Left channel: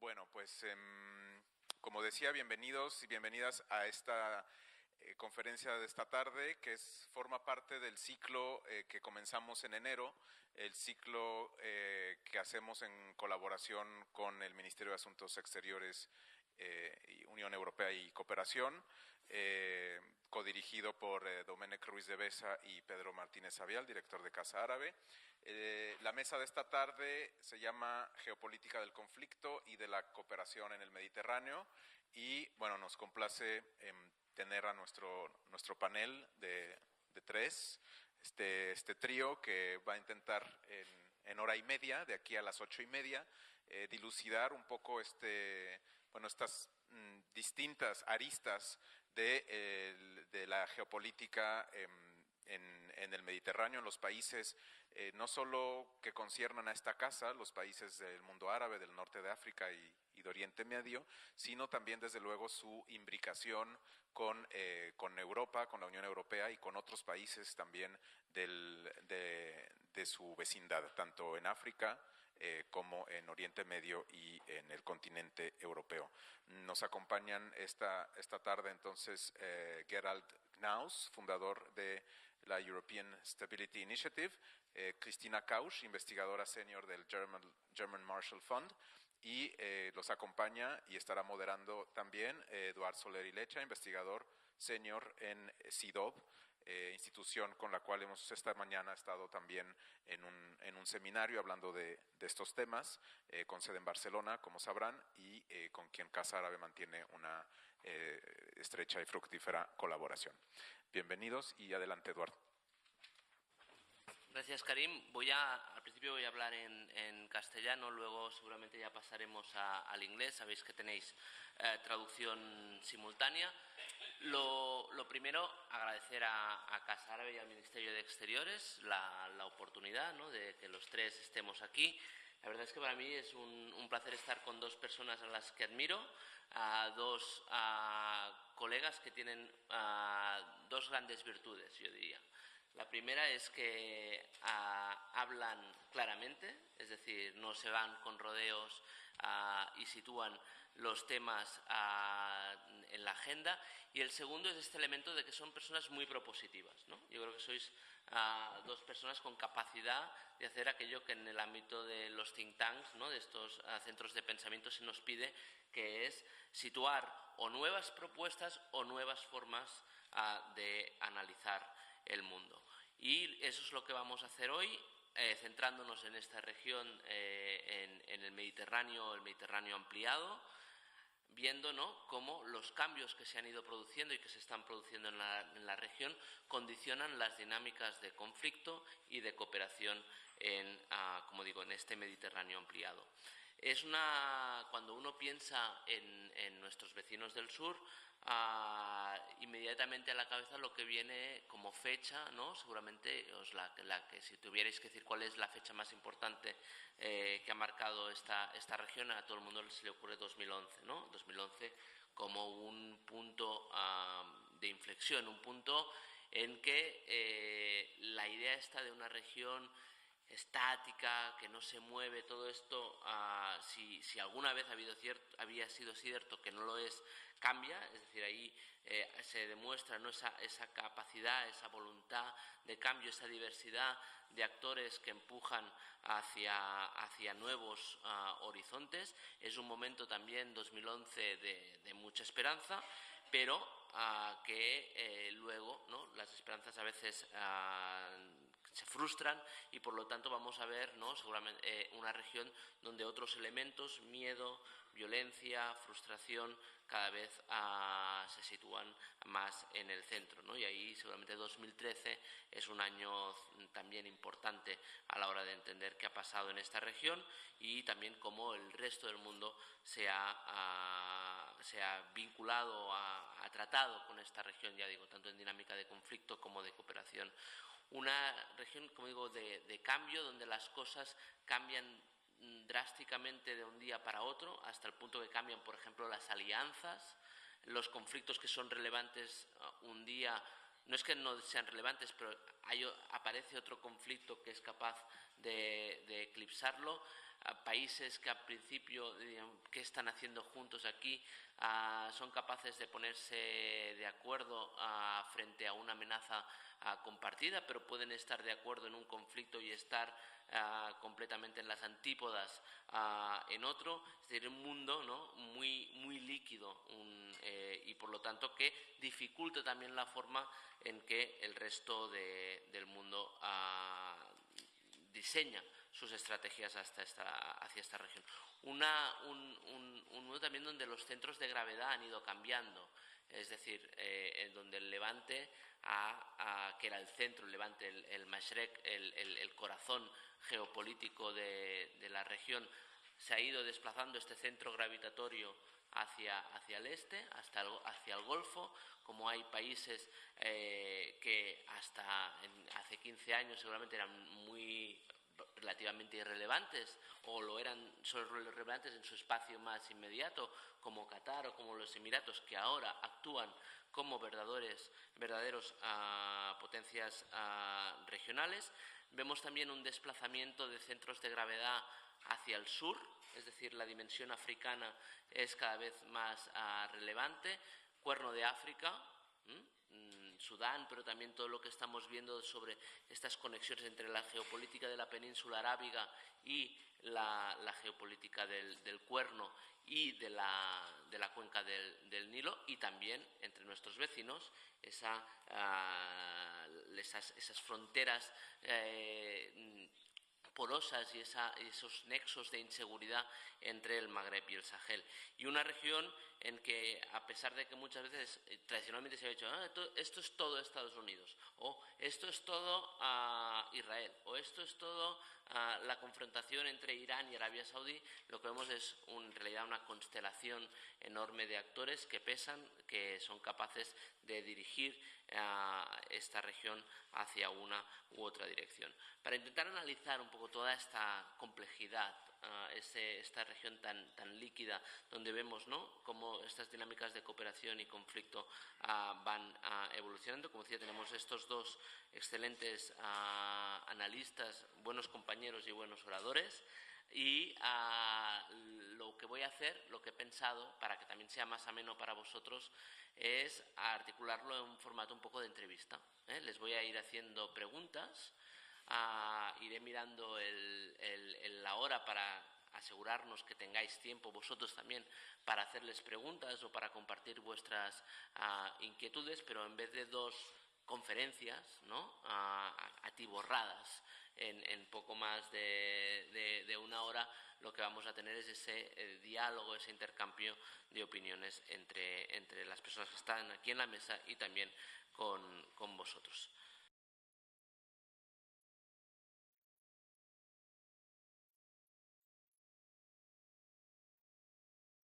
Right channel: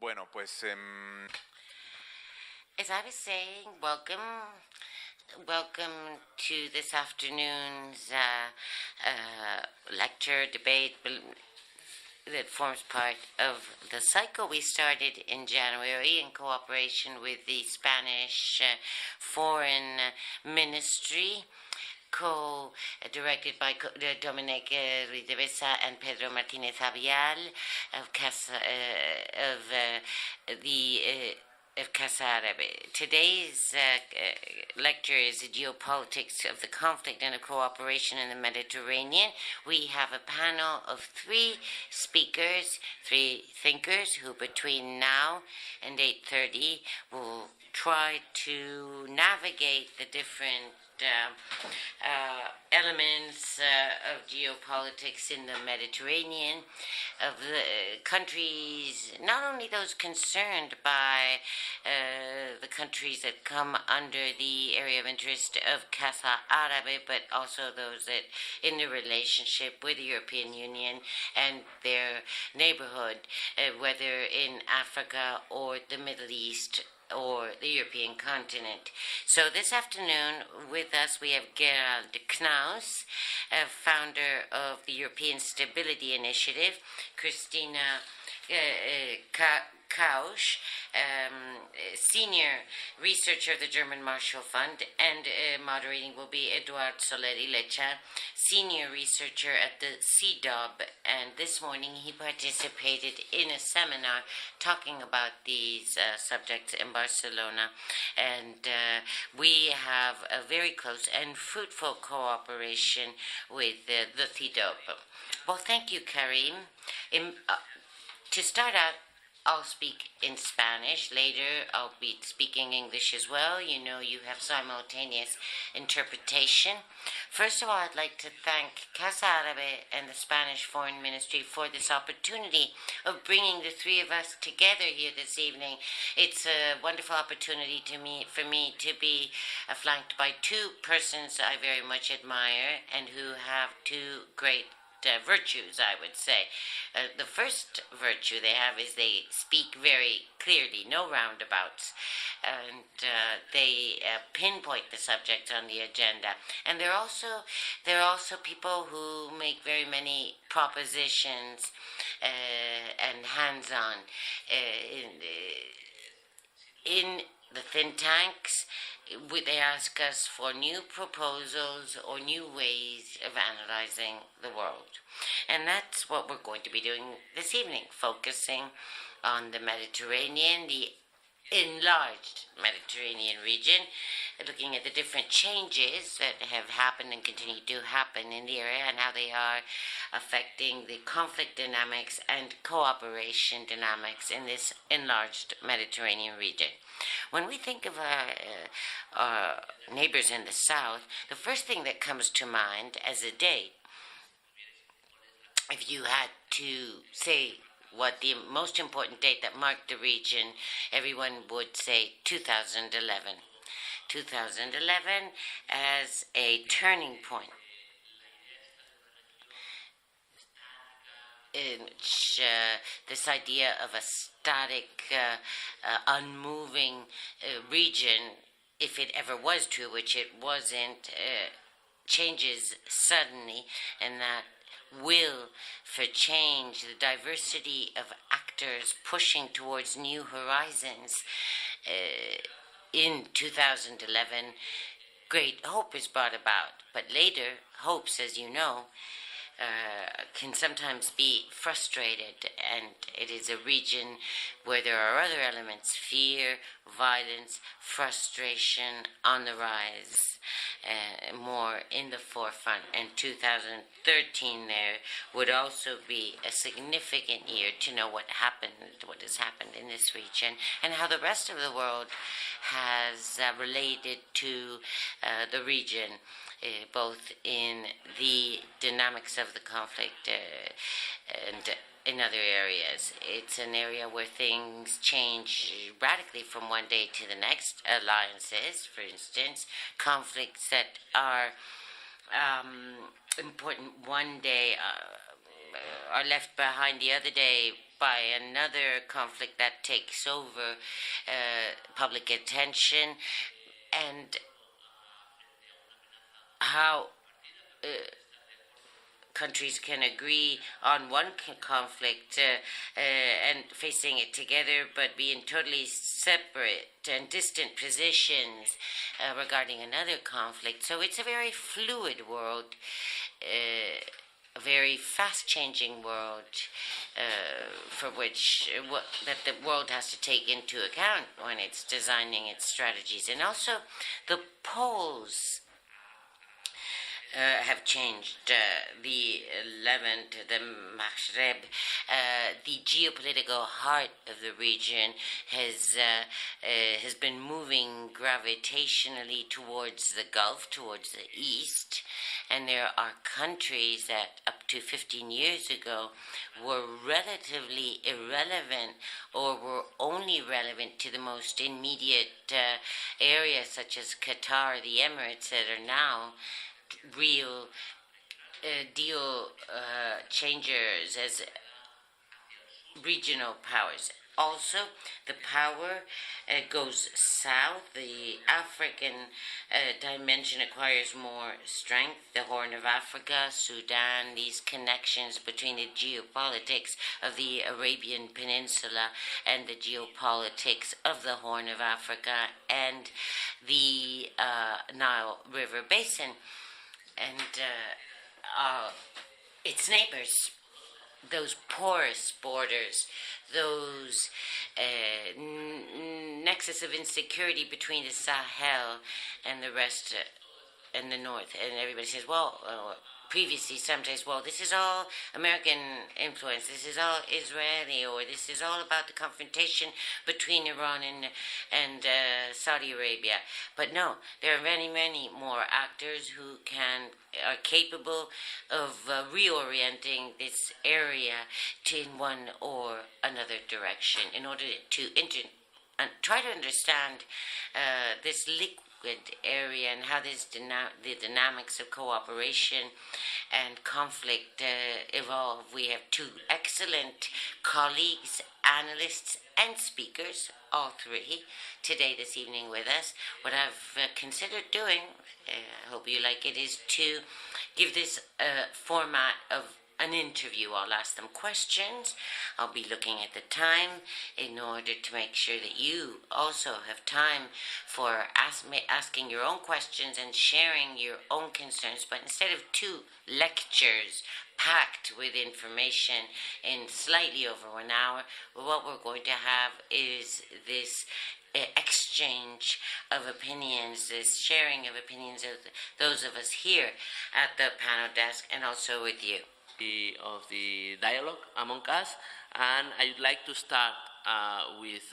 Bueno, pues como decía, bienvenidos, As I was bienvenidas saying, a welcome, esta conferencia de esta welcome tarde to que this forma parte del afternoon's ciclo que comenzamos en enero, lecture debate ciclo que that hacemos forms en part of colaboración the con cycle we el started Instituto in Secretario January in de cooperation with Unión the Europea y Spanish Cooperación, Foreign codirigido por Ministry, Domènec Ruiz de Besa y Pedro co-directed Martínez by Avial, director de Casa Dominic Árabe. Ruiz de Besa and La Pedro mesa de esta Martínez tarde Avial se llama of Casa, Geopolítica y Cooperación en el Mediterráneo. of Casa Árabe. Today's lecture is the geopolitics of the conflict and the cooperation in the Mediterranean. We have a panel of three speakers, three thinkers who between now and 8:30 will try to navigate the different elements of geopolitics in the Mediterranean, of the countries, not only those concerned by the countries that come under the area of interest of Casa Árabe, but also those that in the relationship with the European Union and their neighborhood, whether in Africa or the Middle East or the European continent. So this afternoon with us we have Gerald Knaus, founder of the European Stability Initiative, Kristina Kausch, senior researcher of the German Marshall Fund, and moderating will be Eduard Soler, Lecha, senior researcher at the CIDOB, and this morning he participated in a seminar talking about these subjects in Barcelona, and we have a very close and fruitful cooperation with the CIDOB. Well, thank you, Karim. To start out, I'll speak in Spanish. Later, I'll be speaking English as well. You know, you have simultaneous interpretation. First of all, I'd like to thank Casa Árabe and the Spanish Foreign Ministry for this opportunity of bringing the three of us together here this evening. It's a wonderful opportunity for me to be flanked by two persons I very much admire and who have two great virtues, I would say. The first virtue they have is they speak very clearly, no roundabouts, and they pinpoint the subject on the agenda. And they're also people who make very many propositions and hands-on. In the think tanks, they ask us for new proposals or new ways of analyzing the world. And that's what we're going to be doing this evening, focusing on the Mediterranean, the enlarged Mediterranean region, looking at the different changes that have happened and continue to happen in the area and how they are affecting the conflict dynamics and cooperation dynamics in this enlarged Mediterranean region. When we think of our neighbors in the south, the first thing that comes to mind as a date, if you had to say what the most important date that marked the region, everyone would say 2011. 2011 as a turning point in which this idea of a static, unmoving region, if it ever was true, which it wasn't, changes suddenly, and that will for change, the diversity of actors pushing towards new horizons. In 2011, great hope is brought about, but later, hopes, as you know, can sometimes be frustrated, and it is a region where there are other elements, fear, violence, frustration on the rise, more in the forefront. And 2013 there would also be a significant year to know what has happened in this region, and how the rest of the world has related to the region, both in the dynamics of the conflict and in other areas. It's an area where things change radically from one day to the next. Alliances, for instance, conflicts that are important one day are left behind the other day by another conflict that takes over public attention, and how countries can agree on one conflict and facing it together, but be in totally separate and distant positions regarding another conflict. So it's a very fluid world, a very fast-changing world for which that the world has to take into account when it's designing its strategies. And also the poles have changed. The Levant, the Maghreb, the geopolitical heart of the region has been moving gravitationally towards the Gulf, towards the east, and there are countries that up to 15 years ago were relatively irrelevant or were only relevant to the most immediate areas such as Qatar, the Emirates, that are now real deal changers as regional powers. Also, the power goes south. The African dimension acquires more strength. The Horn of Africa, Sudan, these connections between the geopolitics of the Arabian Peninsula and the geopolitics of the Horn of Africa and the Nile River Basin and its neighbors, those porous borders, those nexus of insecurity between the Sahel and the rest and the north. And everybody says, well, previously sometimes, well, this is all American influence, this is all Israeli, or this is all about the confrontation between Iran and Saudi Arabia. But no, there are many, many more actors who are capable of reorienting this area to in one or another direction in order to try to understand this liquid area and how the dynamics of cooperation and conflict evolve. We have two excellent colleagues, analysts and speakers, all three, today, this evening with us. What I've considered doing, I hope you like it, is to give this format of an interview. I'll ask them questions. I'll be looking at the time in order to make sure that you also have time for asking your own questions and sharing your own concerns. But instead of two lectures packed with information in slightly over an hour, what we're going to have is this exchange of opinions, this sharing of opinions of those of us here at the panel desk and also with you. Of the dialogue among us, and I would like to start with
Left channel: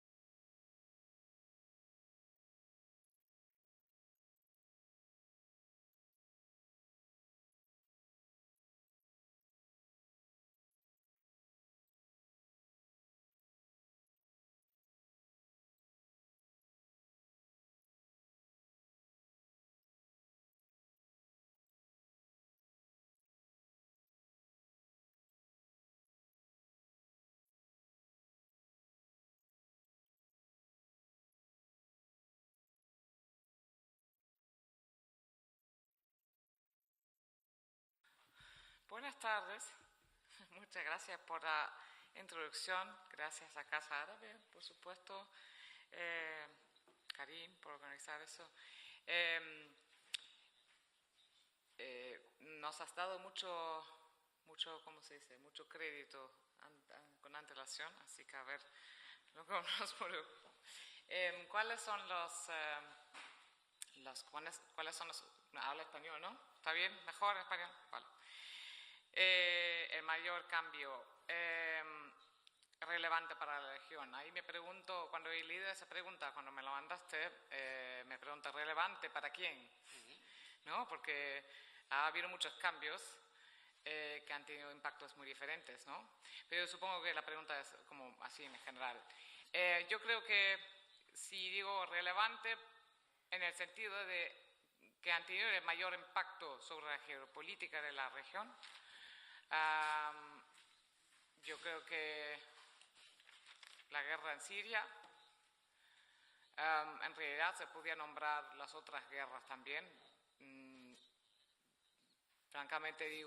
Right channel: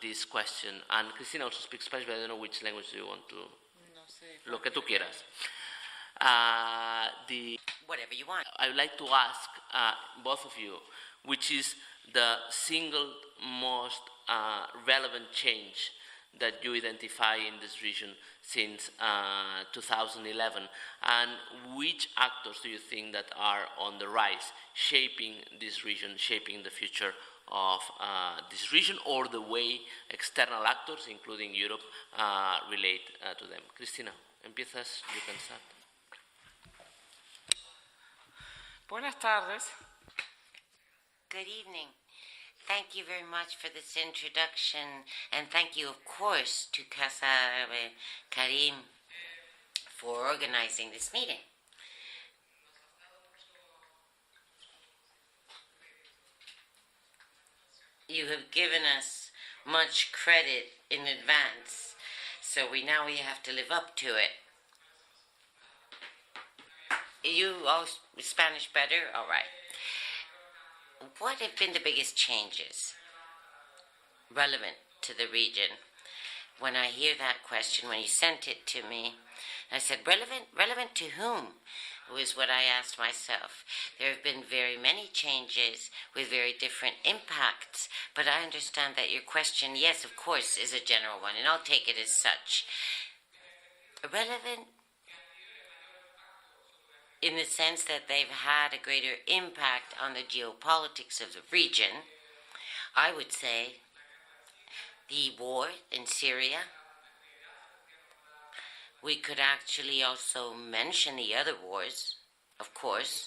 this question. And Kristina also speaks Spanish, but I don't know which language you want to. No sé. Lo que tú quieras. Whatever you want. I would like to ask both of you, which is the single most relevant change that you identify in this region since 2011, and which actors do you think that are on the rise, shaping this region, shaping the future of this region, or the way external actors, including Europe, relate to them? Kristina, empiezas, you can start. Buenas tardes. Muchas gracias por Good la evening. introducción. Thank you very much Gracias a for this Casa introduction, Porto. and thank you, of course, to Casa Karim for organizing this meeting. Nos has dado mucho, ¿cómo se dice? Mucho crédito con antelación. You have given us much credit in ¿Cuáles advance, son los? so now we have to live up to it. ¿Cuáles son los? Habla español, ¿no? ¿Está bien? Mejor. You all Spanish better? All right. El mayor cambio. What have been the biggest changes Relevante para la región. Ahí me relevant pregunto, to the cuando recibí region? esa pregunta, cuando me When I preguntaste, hear that question, when you sent it to me, ¿relevante para quién? I said, relevant to whom? Was what I asked myself. There have been very many changes with very different impacts, but I understand that your question, yes, of course, is a general one, and I'll take it as such. En el sentido de Relevant in the sense that they've had a greater impact on the geopolitics of the region. I would say the war in Syria. We could actually also mention the other wars, of course.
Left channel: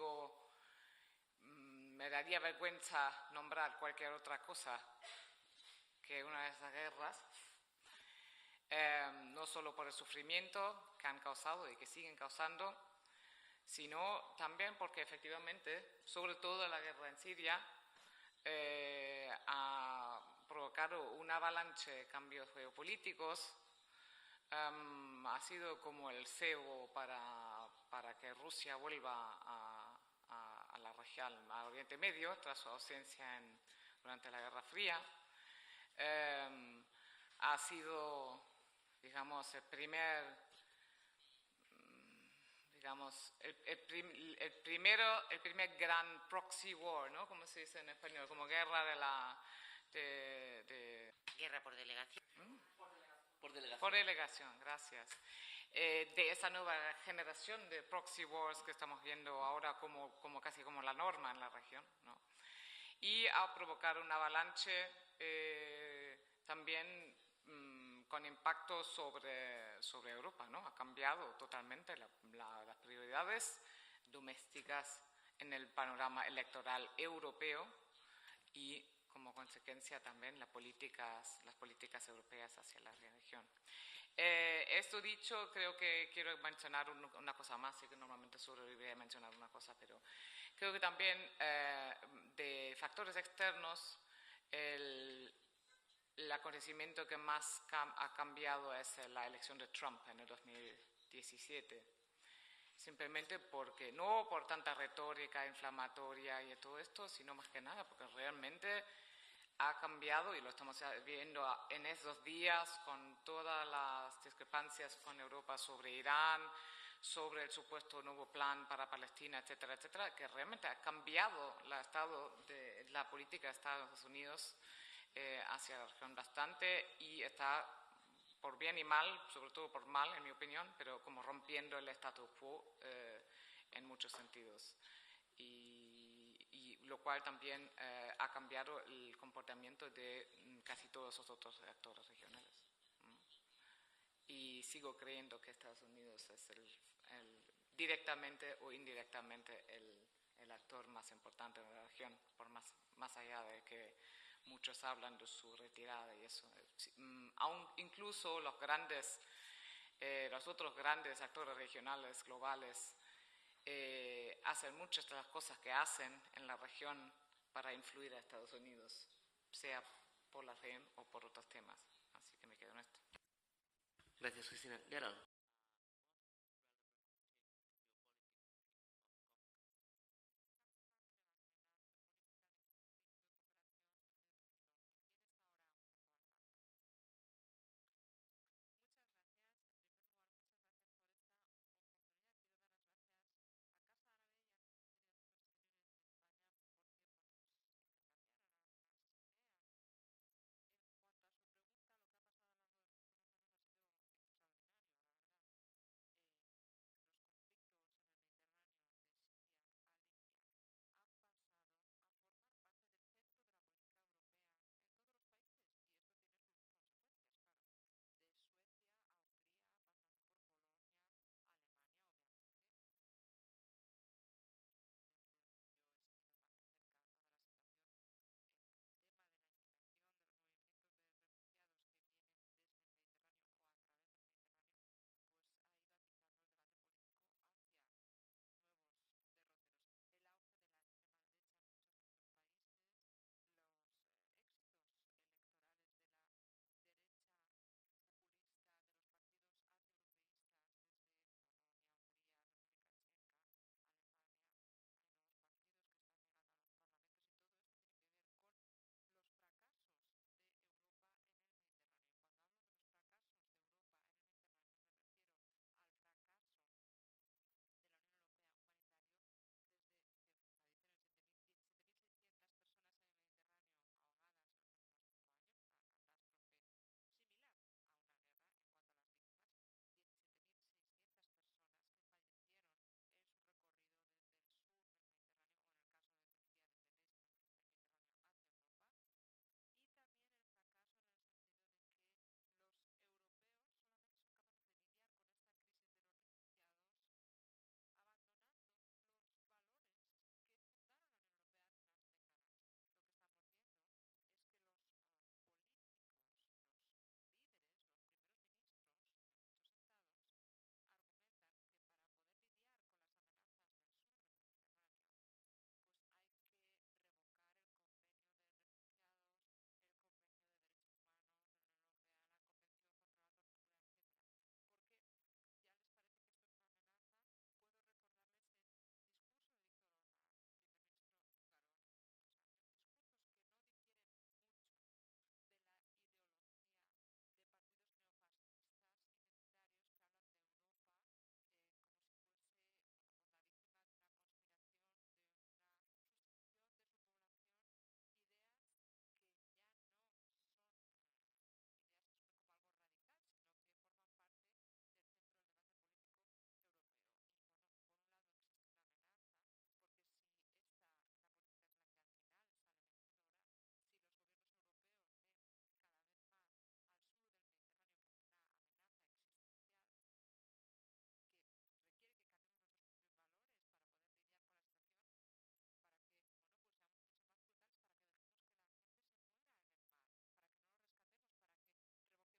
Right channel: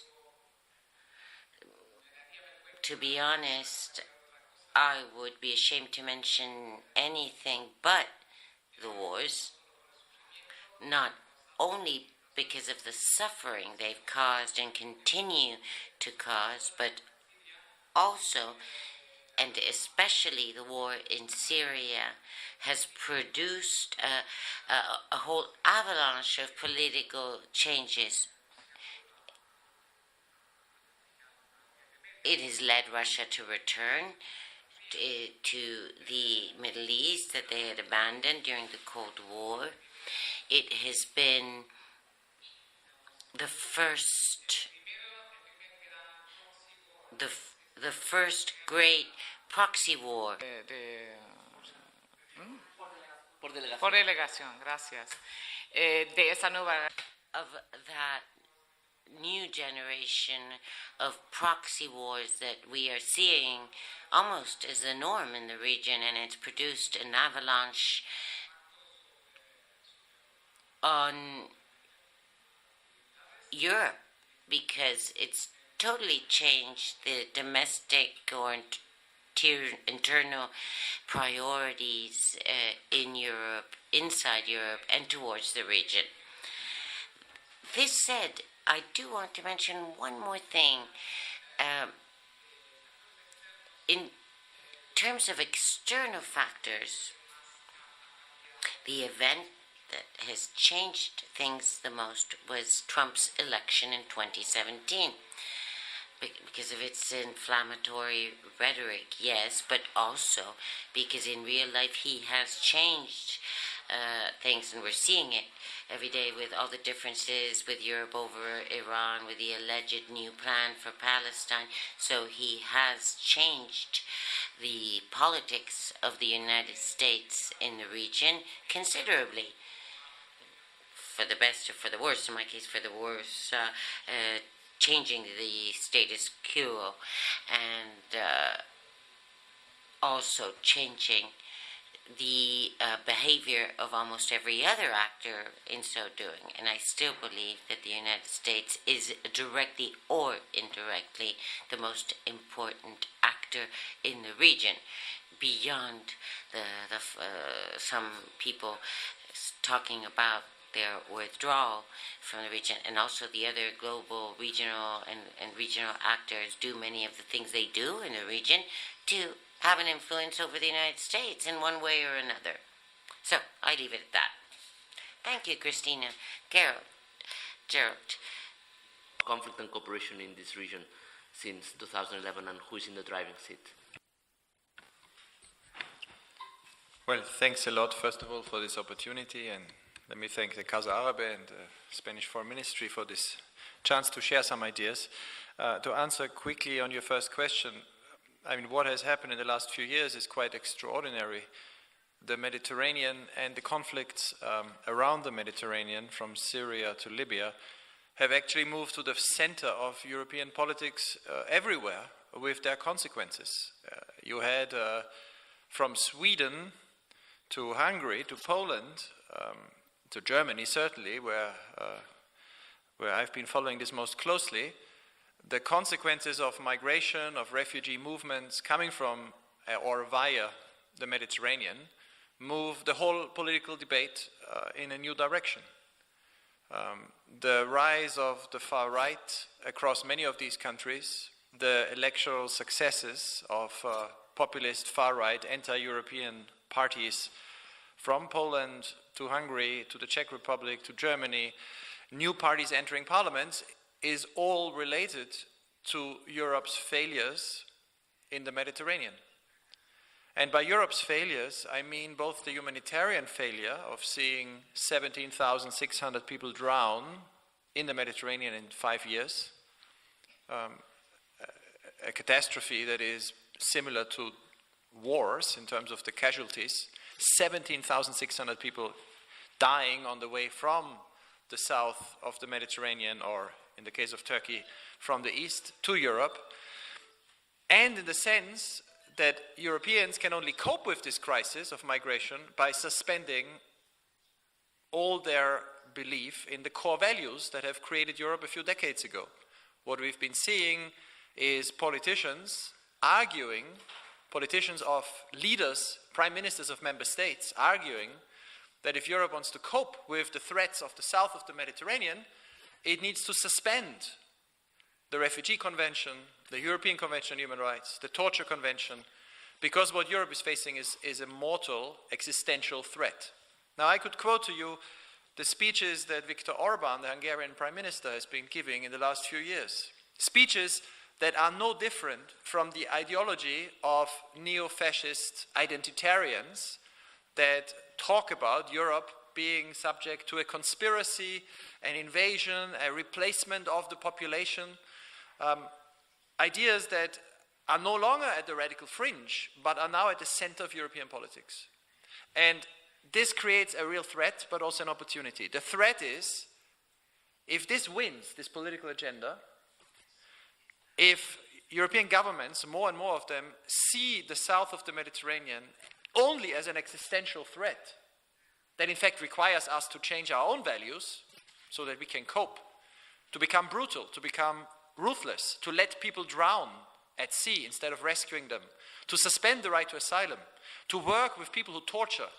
To be honest, I would be ashamed to mention anything but the wars, not only because of the suffering they've caused and continue to cause, but also and especially the war in Syria has produced a whole avalanche of political changes. It has led Russia to return to the Middle East that they had abandoned during the Cold War. It has been the first great proxy war. Por delegación, gracias. De esa nueva generación de proxy wars que estamos viendo new ahora, generation como of proxy wars that we are seeing almost as the norm in the region, and it's produced an avalanche on Europe because it's totally changed the domestic or internal priorities in Europe, inside Europe, and towards the region. This said, I do want to mention one more thing. In terms of external factors, the event that has changed things the most was Trump's election in 2017. Because of its inflammatory rhetoric, yes, but also because in real life he has changed things, and we're seeing it every day with all the differences with Europe over Iran, with the alleged new plan for Palestine. So he has changed the politics of the United States in the region considerably, for the best or for the worse. In my case, for the worse. Changing the status quo and also changing the behavior of almost every other actor in so doing. And I still believe that the United States is directly or indirectly the most important actor in the region, beyond some people talking about their withdrawal from the region, and also the other global, regional, and regional actors do many of the things they do in the region to have an influence over the United States in one way or another. So I leave it at that. Thank you, Kristina. Gerald. Conflict and cooperation in this region since 2011, and who is in the driving seat? Well, thanks a lot, first of all, for this opportunity, and let me thank the Casa Árabe and the Spanish Foreign Ministry for this chance to share some ideas. To answer quickly on your first question, I mean, what has happened in the last few years is quite extraordinary. The Mediterranean and the conflicts around the Mediterranean, from Syria to Libya, have actually moved to the center of European politics everywhere with their consequences. You had from Sweden to Hungary, to Poland, to Germany certainly, where I've been following this most closely, the consequences of migration, of refugee movements coming from or via the Mediterranean move the whole political debate in a new direction. The rise of the far right across many of these countries, the electoral successes of populist far-right, anti-European parties from Poland to Hungary to the Czech Republic to Germany, new parties entering parliaments, is all related to Europe's failures in the Mediterranean. And by Europe's failures, I mean both the humanitarian failure of seeing 17,600 people drown in the Mediterranean in 5 years, a catastrophe that is similar to wars in terms of the casualties, 17,600 people dying on the way from the south of the Mediterranean, or in the case of Turkey, from the east to Europe, and in the sense that Europeans can only cope with this crisis of migration by suspending all their belief in the core values that have created Europe a few decades ago. What we've been seeing is politicians of leaders, prime ministers of member states, arguing that if Europe wants to cope with the threats of the south of the Mediterranean, it needs to suspend the Refugee Convention, the European Convention on Human Rights, the Torture Convention, because what Europe is facing is a mortal existential threat. Now, I could quote to you the speeches that Viktor Orban, the Hungarian Prime Minister, has been giving in the last few years. Speeches that are no different from the ideology of neo-fascist identitarians that talk about Europe being subject to a conspiracy, an invasion, a replacement of the population, ideas that are no longer at the radical fringe, but are now at the center of European politics. And this creates a real threat, but also an opportunity. The threat is, if this wins, this political agenda, if European governments, more and more of them, see the south of the Mediterranean only as an existential threat that in fact requires us to change our own values so that we can cope, to become brutal, to become ruthless, to let people drown at sea instead of rescuing them, to suspend the right to asylum, to work with people who torture.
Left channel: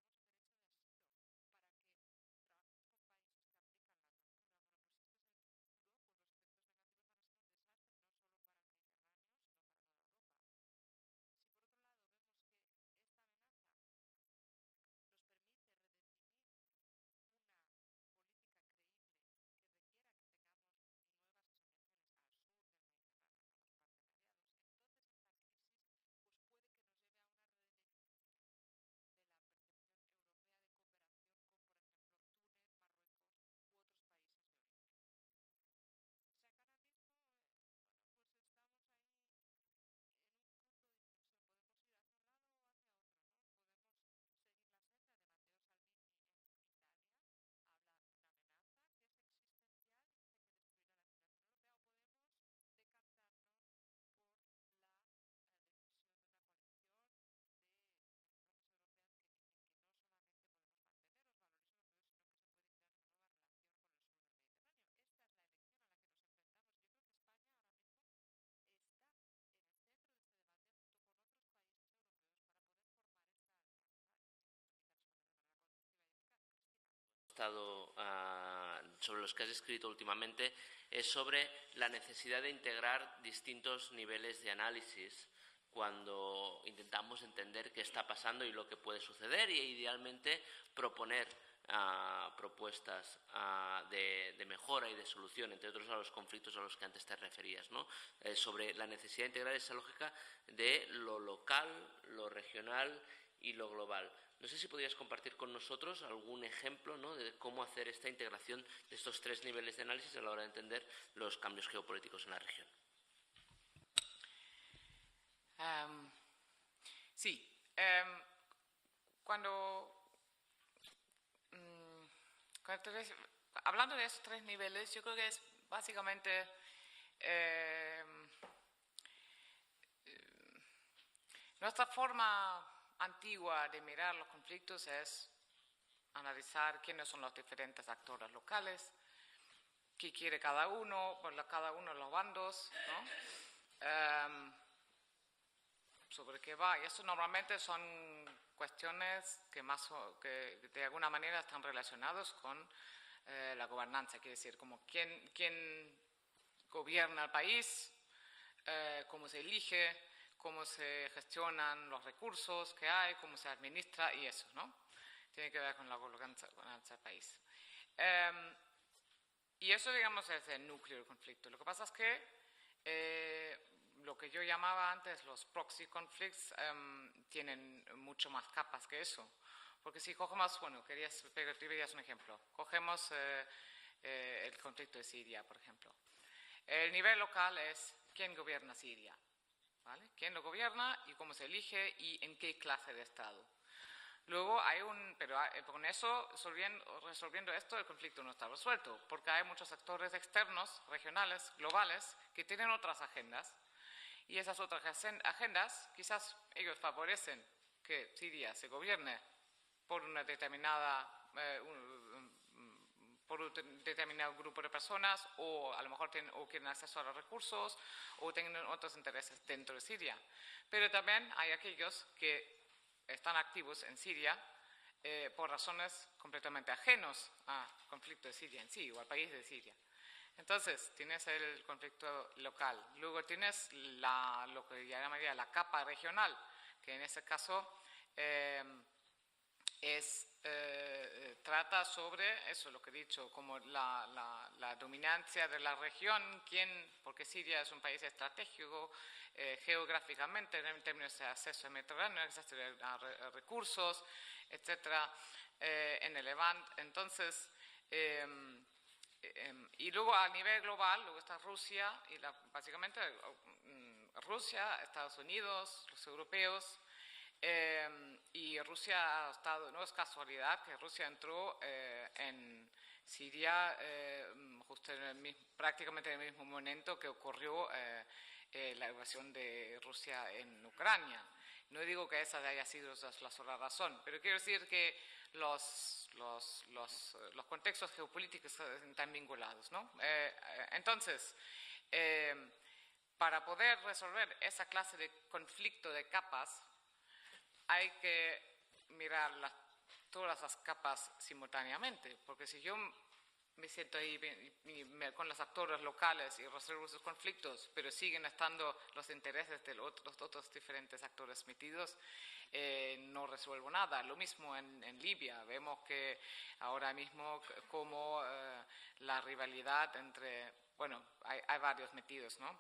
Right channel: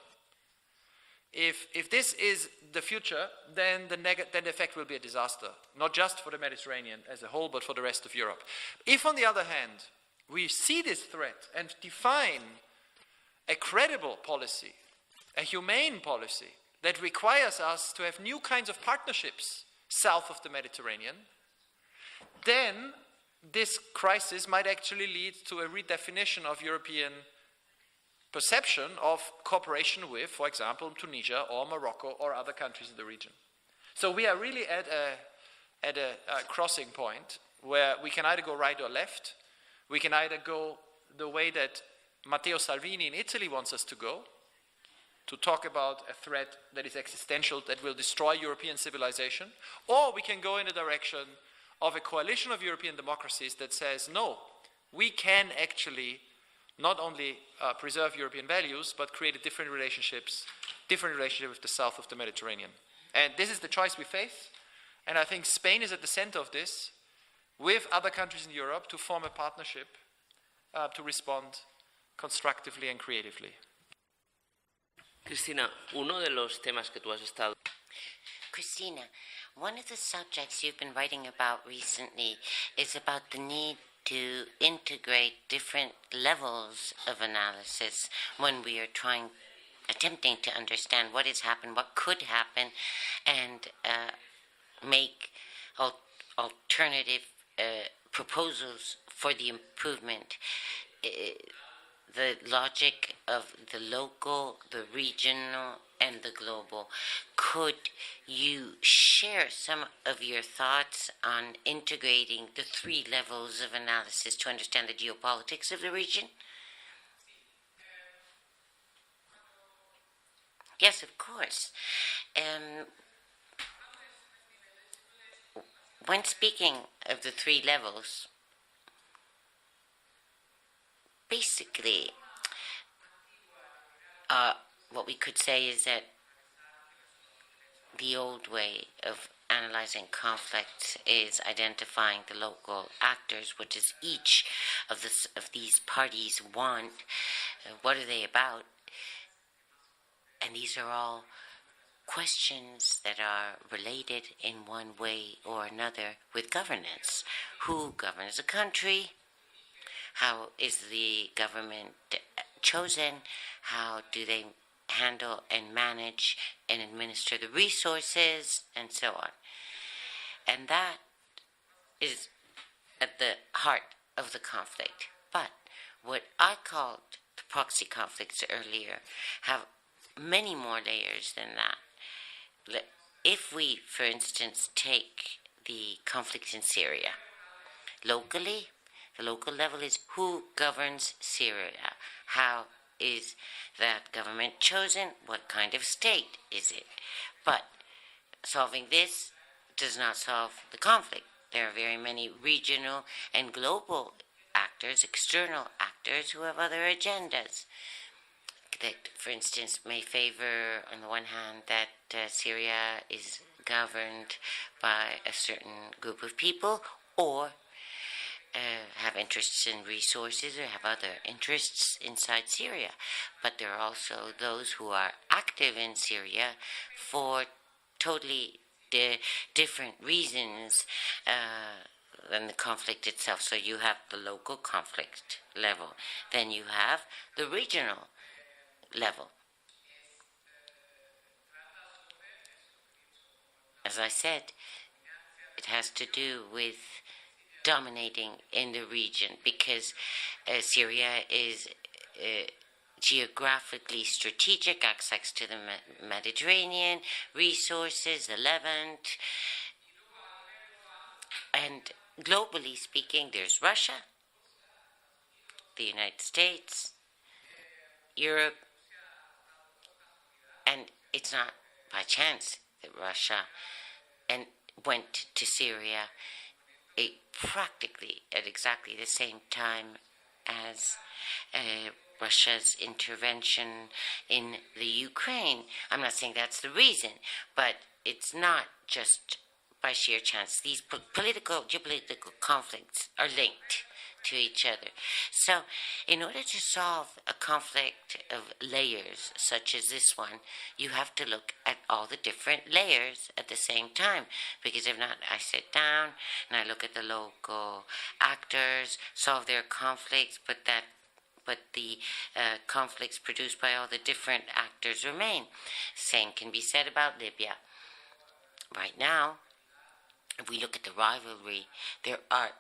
If this is the future, then the effect will be a disaster, not just for the Mediterranean as a whole, but for the rest of Europe. If, on the other hand, we see this threat and define a credible policy, a humane policy, that requires us to have new kinds of partnerships south of the Mediterranean, then this crisis might actually lead to a redefinition of European perception of cooperation with, for example, Tunisia or Morocco or other countries in the region. So we are really at a crossing point where we can either go right or left. We can either go the way that Matteo Salvini in Italy wants us to go, to talk about a threat that is existential, that will destroy European civilization, or we can go in the direction of a coalition of European democracies that says, no, we can actually not only preserve European values, but create a different relationship with the south of the Mediterranean. And this is the choice we face, and I think Spain is at the center of this, with other countries in Europe, to form a partnership to respond constructively and creatively. Cristina, uno de los temas que tú has estado Christina, one of the subjects you've been writing about recently is about the need to integrate different levels of analysis when we are attempting to understand what has happened, what could happen, and make alternative proposals for the improvement. The logic of the local, the regional, and the global. Could you share some of your thoughts on integrating the three levels of analysis to understand the geopolitics of the region? Sí. Yes, of course. Hablando de esos tres niveles, yo creo que es básicamente. When speaking of the three levels, basically, what we could say is that the old way of analyzing conflicts is identifying the local actors. What does each of these parties want? What are they about? And these are all questions that are related in one way or another with governance. Who governs a country? How is the government chosen? How do they handle and manage and administer the resources, and so on? And that is at the heart of the conflict. But what I called proxy conflicts earlier have many more layers than that. If we, for instance, take the conflict in Syria, locally, The local level is who governs Syria. How is that government chosen? What kind of state is it? But solving this does not solve the conflict. There are very many regional and global actors, external actors, who have other agendas that, for instance, may favor, on the one hand, that Syria is governed by a certain group of people, or have interests in resources, or have other interests inside Syria. But there are also those who are active in Syria for totally different reasons than the conflict itself. So you have the local conflict level. Then you have the regional level. As I said, it has to do with dominating in the region, because Syria is geographically strategic, access to the Mediterranean, resources, the Levant, and globally speaking, there's Russia, the United States, Europe, and it's not by chance that Russia went to Syria practically at exactly the same time as Russia's intervention in the Ukraine. I'm not saying that's the reason, but it's not just by sheer chance. These geopolitical conflicts are linked to each other. So, in order to solve a conflict of layers such as this one, you have to look at all the different layers at the same time. Because if not, I sit down and I look at the local actors, solve their conflicts, but the conflicts produced by all the different actors remain. Same can be said about Libya. Right now, if we look at the rivalry, there are,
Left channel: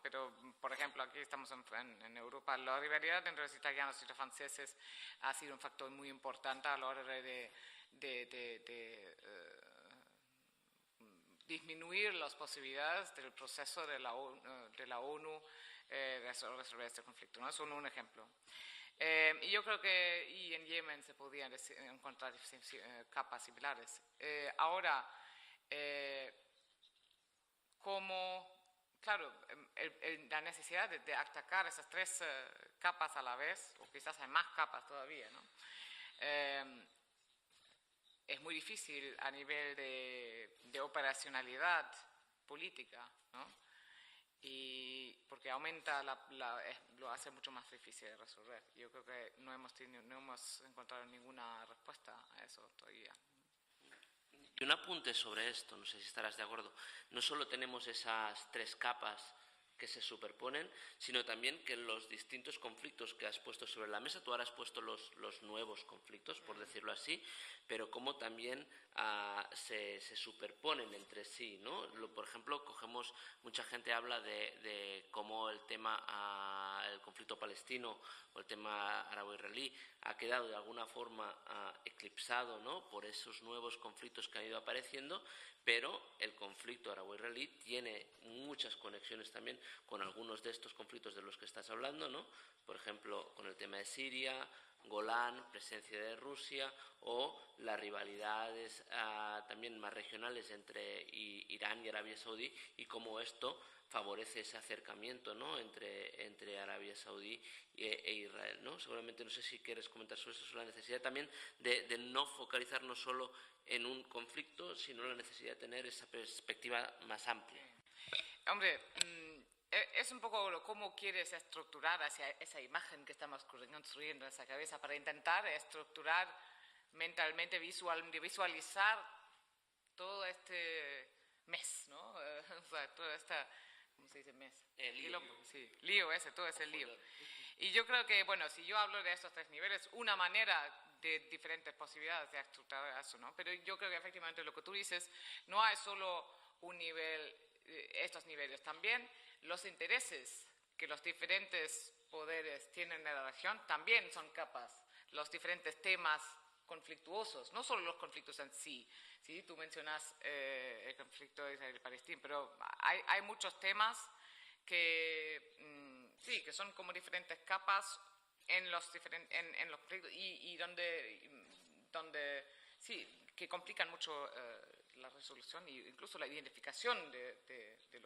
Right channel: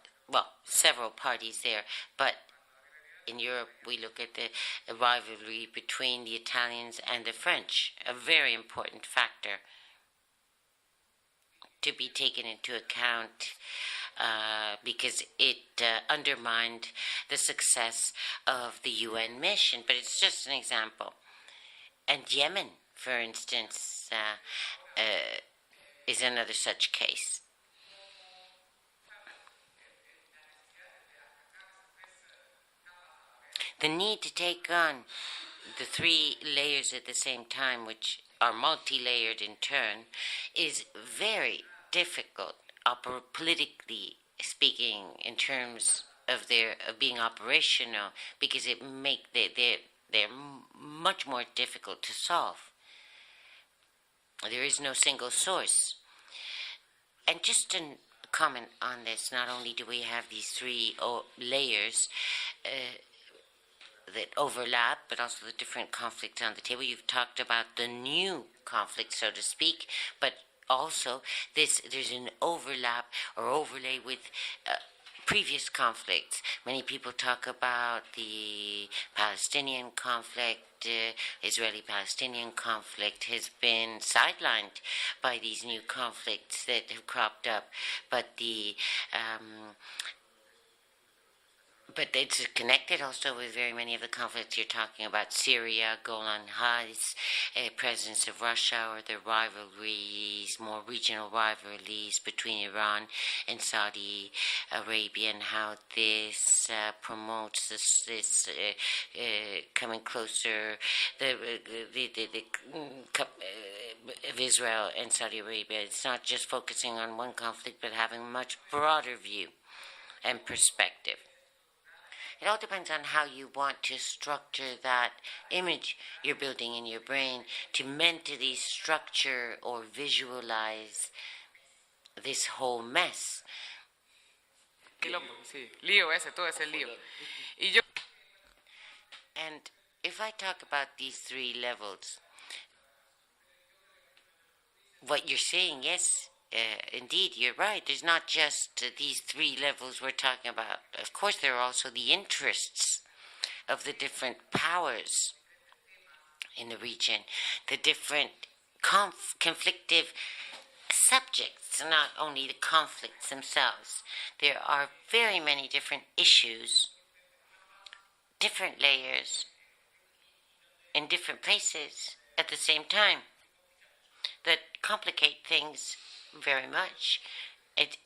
several parties there, but in Europe we look at the rivalry between the Italians and the French, a very important factor to be taken into account because it undermined the success of the UN mission, but it's just an example. And Yemen, for instance, is another such case. The need to take on the three layers at the same time, which are multi-layered in turn, is very difficult, politically speaking, in terms of their being operational, because they're much more difficult to solve. There is no single source. And just to comment on this, not only do we have these three layers that overlap, but also the different conflicts on the table. You've talked about the new conflict, so to speak, but also there's an overlap or overlay with previous conflicts. Many people talk about the Palestinian conflict. Israeli-Palestinian conflict has been sidelined by these new conflicts that have cropped up, but it's connected also with very many of the conflicts you're talking about: Syria, Golan Heights, presence of Russia, or the rivalries, more regional rivalries between Iran and Saudi Arabia, and how this promotes this coming closer of Israel and Saudi Arabia. It's not just focusing on one conflict, but having a much broader view and perspective. It all depends on how you want to structure that image you're building in your brain, to mentally structure or visualize this whole mess. And if I talk about these three levels, what you're saying, yes, indeed, you're right. There's not just these three levels we're talking about. Of course, there are also the interests of the different powers in the region, the different conflictive subjects, not only the conflicts themselves. There are very many different issues, different layers, in different places at the same time that complicate things very much. It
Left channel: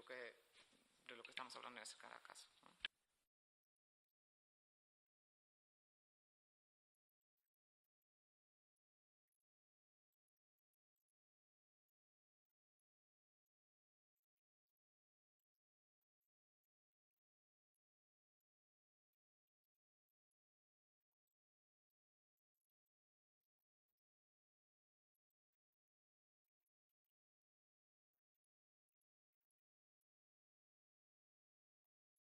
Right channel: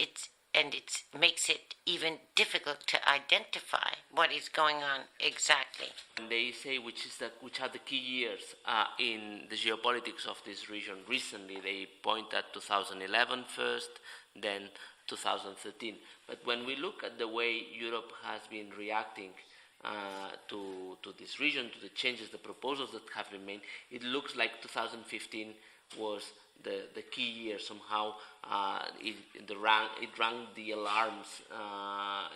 makes it even difficult to identify what is going on exactly. And they say which are the key years in the geopolitics of this region. Recently, they point at 2011 first, then 2013. But when we look at the way Europe has been reacting to this region, to the changes, the proposals that have been made, it looks like 2015 was the key year. Somehow it rang the alarms.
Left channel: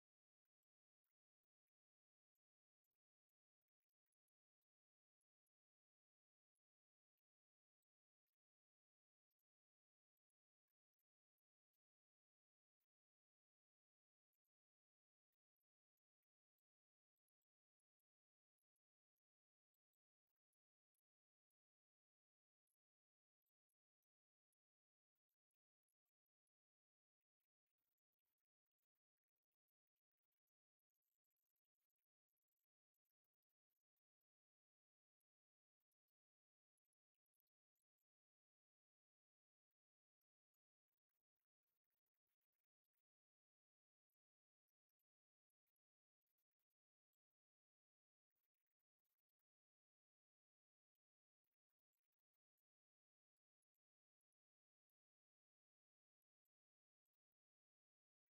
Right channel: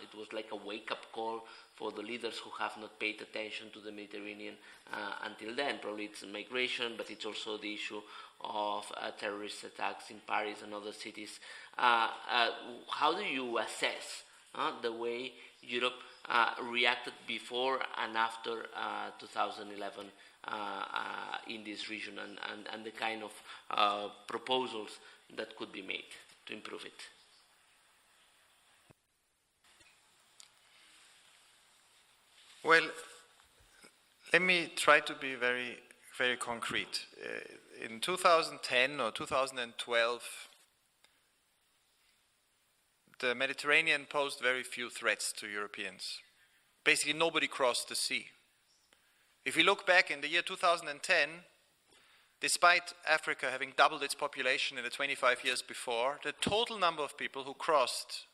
It was like a wake-up call for the leaders who have not paid attention to the Mediterranean until then. Probably it's migration, but it's also the issue of terrorist attacks in Paris and other cities. How do you assess the way Europe reacted before and after 2011 in this region, and the kind of proposals that could be made to improve it? Well, let me try to be very, very concrete. In 2010 or 2012, the Mediterranean posed very few threats to Europeans. Basically, nobody crossed the sea. If we look back in the year 2010, despite Africa having doubled its population in the 25 years before, the total number of people who crossed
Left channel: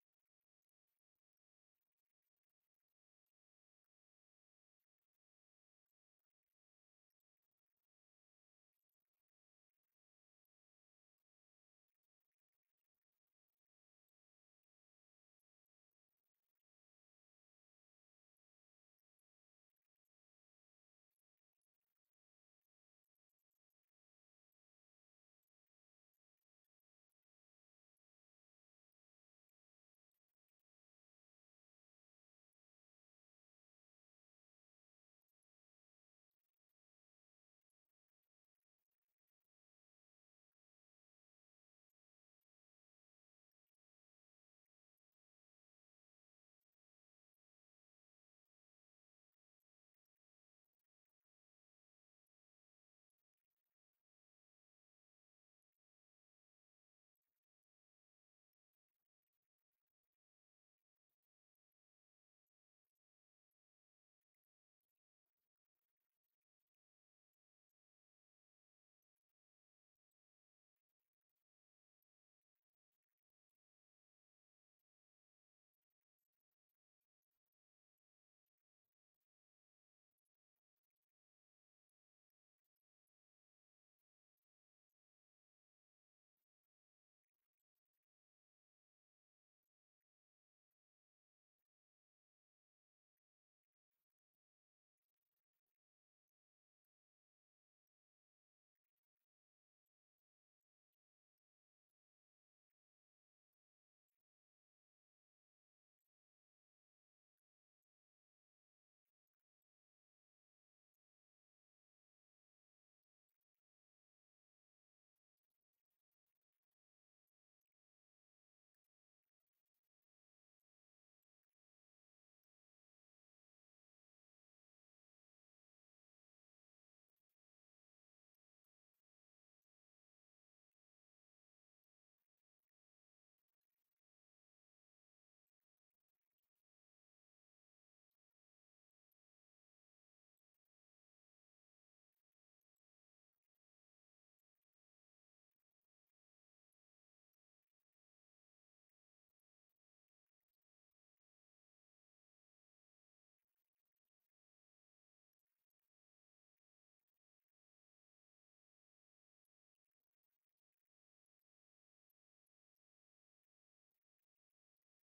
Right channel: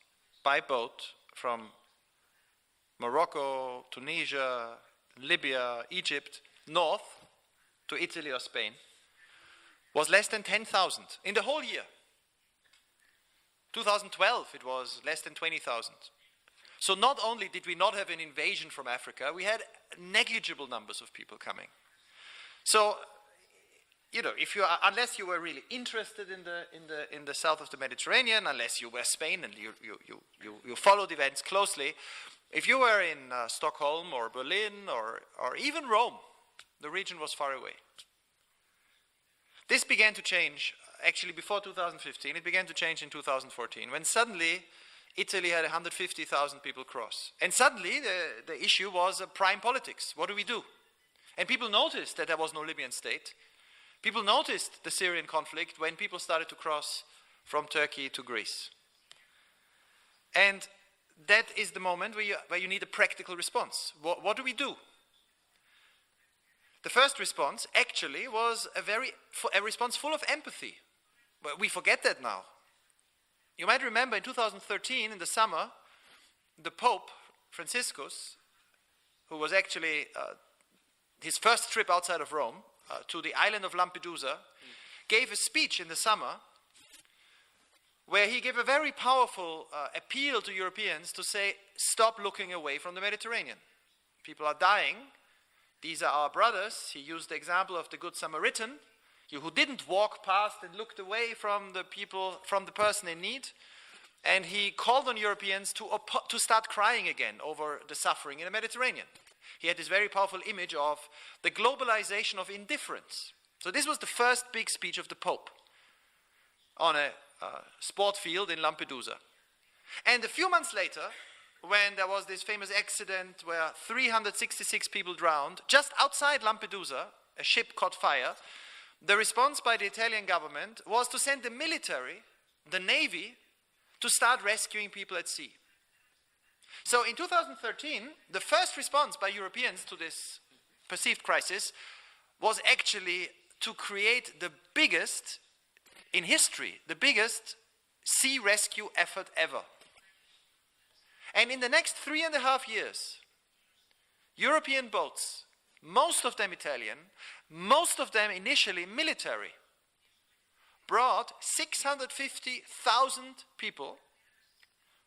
by boat from Morocco, Tunisia, Libya, Egypt, north to Italy or Spain, was less than 10,000 in the whole year. 2012, it was less than 20,000. So not only did we not have an invasion from Africa, we had negligible numbers of people coming. So, unless you were really interested in the south of the Mediterranean, unless you were Spain and you followed events closely, if you were in Stockholm or Berlin or even Rome, the region was far away. This began to change, actually before 2015, it began to change in 2014, when suddenly Italy had 150,000 people cross. And suddenly the issue was prime politics. What do we do? And people noticed that there was no Libyan state. People noticed the Syrian conflict when people started to cross from Turkey to Greece. And that is the moment where you need a practical response. What do we do? The first response actually was a response full of empathy. But we forget that now. You might remember in 2013, in the summer, the Pope, Franciscus, who was actually his first trip outside of Rome, to the island of Lampedusa, gave a speech in the summer where he gave a very powerful appeal to Europeans to say, stop looking away from the Mediterranean. People are dying. These are our brothers. He used the example of the Good Samaritan, who didn't walk past and looked away from the people, from the person in need. And he called on Europeans to start crying again over the suffering in the Mediterranean. He had this very powerful image of the globalization of indifference. So this was the first big speech of the Pope on a sport field in Lampedusa. And a few months later, when there was this famous accident where 366 people drowned, just outside Lampedusa, a ship caught fire, the response by the Italian government was to send the military, the navy, to start rescuing people at sea. So in 2013, the first response by Europeans to this perceived crisis was actually to create the biggest, in history, the biggest sea rescue effort ever. And in the next 3.5 years, European boats, most of them Italian, most of them initially military, brought 650,000 people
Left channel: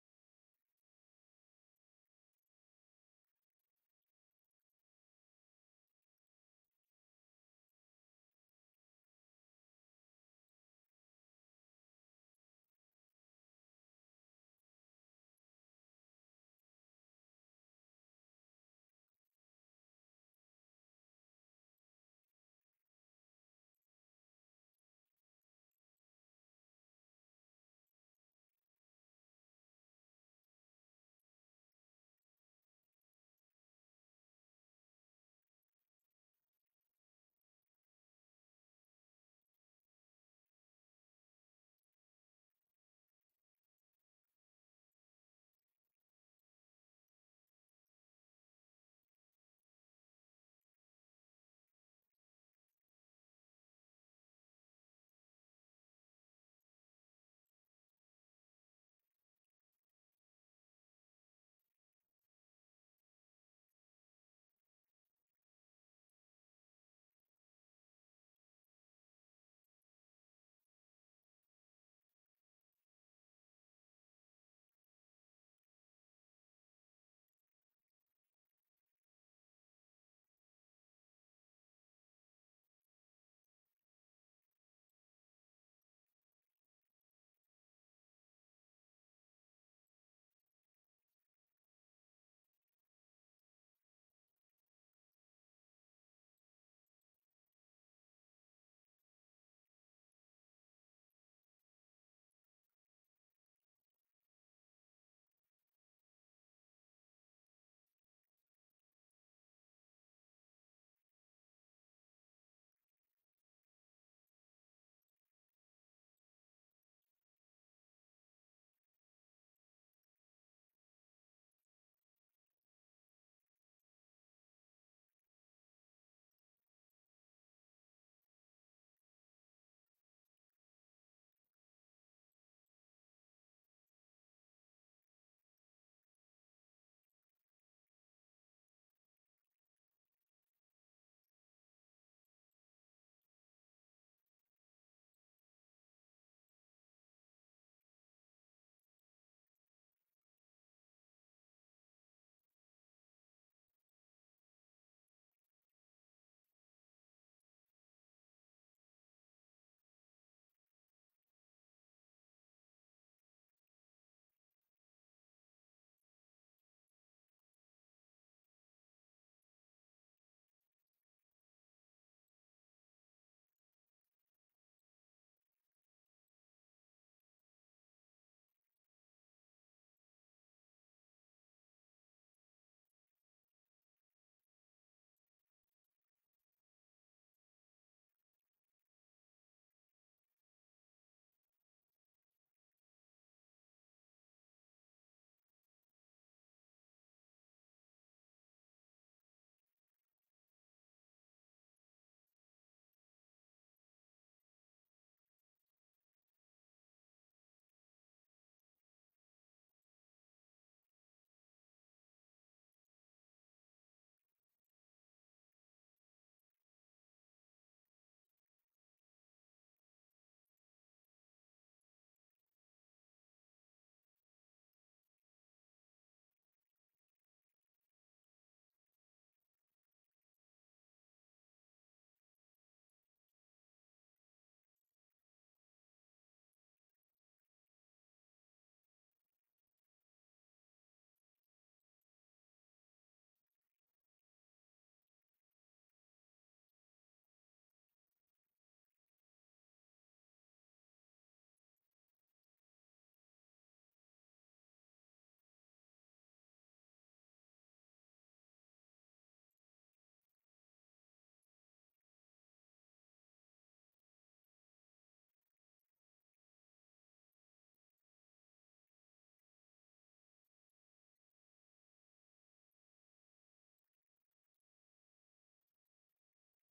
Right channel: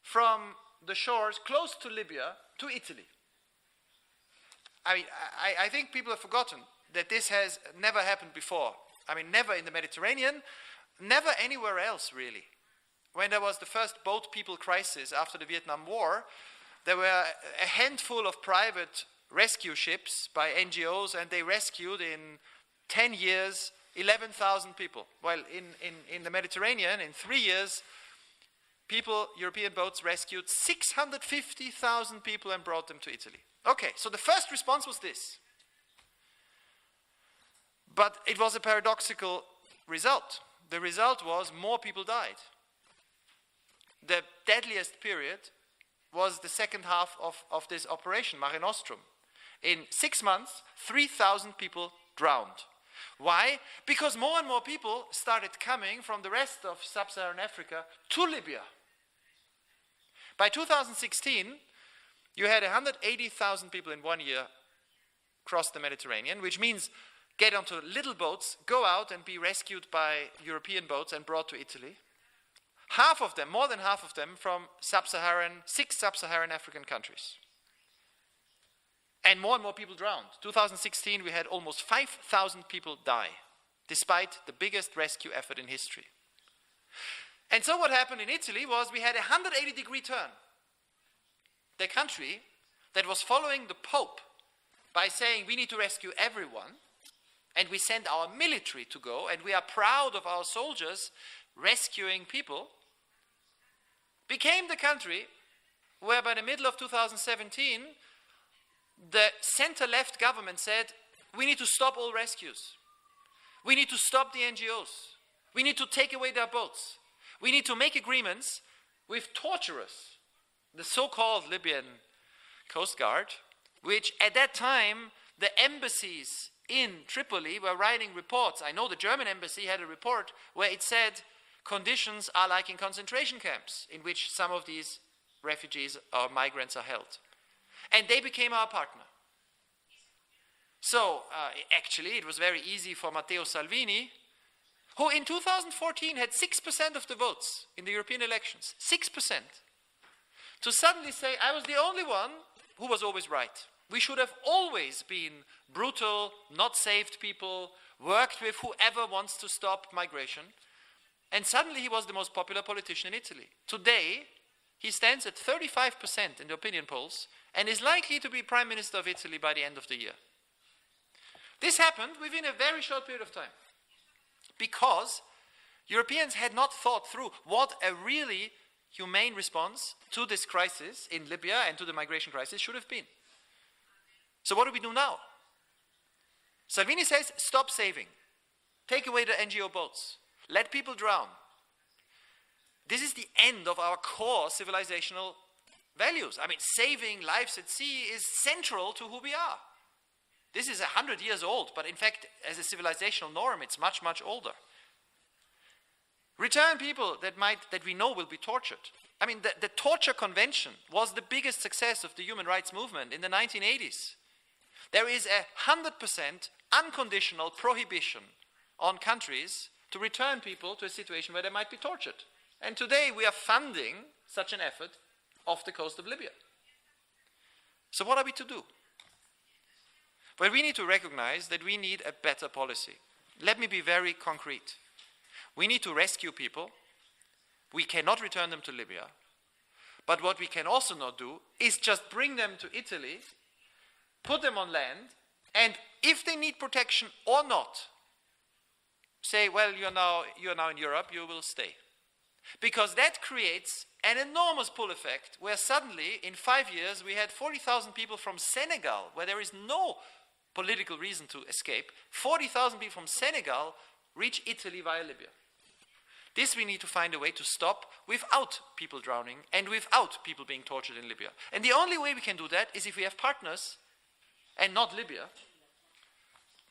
from the shores close to Libya to Italy. I think people have forgotten that this has never happened before. Never in the Mediterranean, never anywhere else really. When there was the first boat people crisis after the Vietnam War, there were a handful of private rescue ships by NGOs, and they rescued in 10 years 11,000 people. Well, in the Mediterranean, in 3 years, European boats rescued 650,000 people and brought them to Italy. Okay, so the first response was this. But it was a paradoxical result. The result was more people died. The deadliest period was the second half of this operation, Mare Nostrum. In 6 months, 3,000 people drowned. Why? Because more and more people started coming from the rest of sub-Saharan Africa to Libya. By 2016, you had 180,000 people in 1 year cross the Mediterranean, which means get onto little boats, go out and be rescued by European boats and brought to Italy. Half of them, more than half of them, from six sub-Saharan African countries. And more people drowned. 2016, we had almost 5,000 people die, despite the biggest rescue effort in history. And so what happened in Italy was we had a 180-degree turn. The country that was following the Pope by saying we need to rescue everyone, and we send our military to go, and we are proud of our soldiers rescuing people, became the country where by the middle of 2017, the center-left government said, we need to stop all rescues. We need to stop the NGOs. We need to take away their boats. We need to make agreements with torturers, the so-called Libyan Coast Guard, which at that time, the embassies in Tripoli were writing reports. I know the German embassy had a report where it said conditions are like in concentration camps in which some of these refugees or migrants are held. And they became our partner. So, actually, it was very easy for Matteo Salvini, who in 2014 had 6% of the votes in the European elections, 6%, to suddenly say, I was the only one who was always right. We should have always been brutal, not saved people, worked with whoever wants to stop migration. And suddenly he was the most popular politician in Italy. Today, he stands at 35% in the opinion polls and is likely to be Prime Minister of Italy by the end of the year. This happened within a very short period of time because Europeans had not thought through what a really humane response to this crisis in Libya and to the migration crisis should have been. So what do we do now? Salvini says, stop saving. Take away the NGO boats. Let people drown. This is the end of our core civilizational values. I mean, saving lives at sea is central to who we are. This is 100 years old, but in fact, as a civilizational norm, it's much, much older. Return people that we know will be tortured. I mean, the torture convention was the biggest success of the human rights movement in the 1980s. There is 100% unconditional prohibition on countries to return people to a situation where they might be tortured. And today we are funding such an effort off the coast of Libya. So what are we to do? Well, we need to recognize that we need a better policy. Let me be very concrete. We need to rescue people. We cannot return them to Libya. But what we can also not do is just bring them to Italy, put them on land, and if they need protection or not, say, well, you're now in Europe, you will stay. Because that creates an enormous pull effect where suddenly, in 5 years, we had 40,000 people from Senegal, where there is no political reason to escape. 40,000 people from Senegal reach Italy via Libya. This we need to find a way to stop without people drowning and without people being tortured in Libya. And the only way we can do that is if we have partners, and not Libya,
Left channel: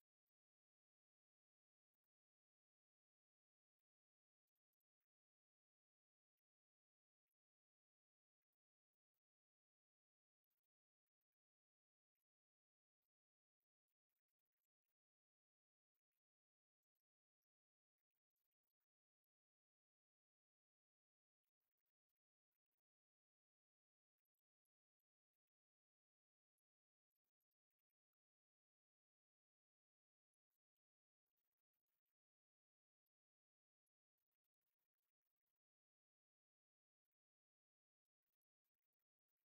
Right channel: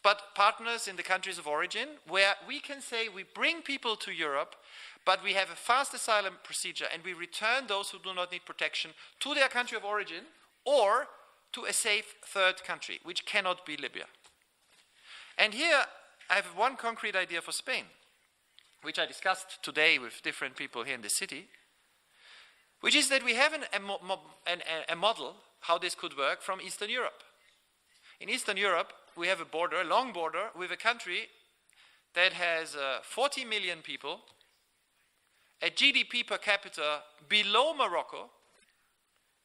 but partners in the countries of origin, where we can say we bring people to Europe, but we have a fast asylum procedure and we return those who do not need protection to their country of origin or to a safe third country, which cannot be Libya. And here I have one concrete idea for Spain, which I discussed today with different people here in the city, which is that we have a model how this could work from Eastern Europe. In Eastern Europe, we have a long border with a country that has 40 million people, a GDP per capita below Morocco,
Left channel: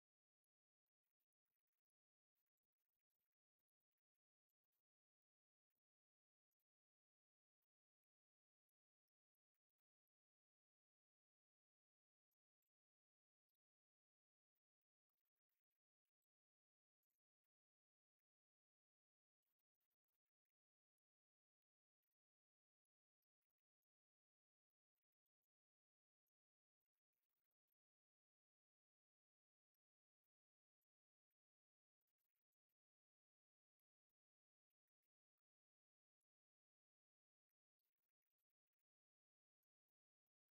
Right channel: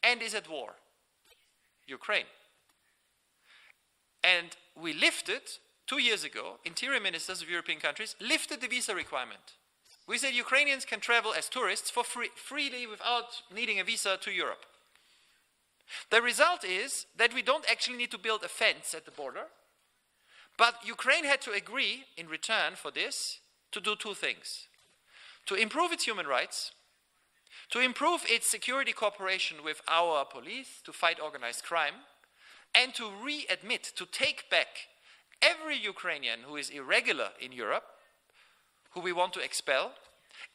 and is at war, Ukraine. And we lifted 2 years ago, interior ministers of European countries lifted the visa requirement. We said Ukrainians can travel as tourists for freely without needing a visa to Europe. The result is that we don't actually need to build a fence at the border, but Ukraine had to agree in return for this to do two things: to improve its human rights, to improve its security cooperation with our police to fight organized crime, and to readmit, to take back every Ukrainian who is irregular in Europe, who we want to expel,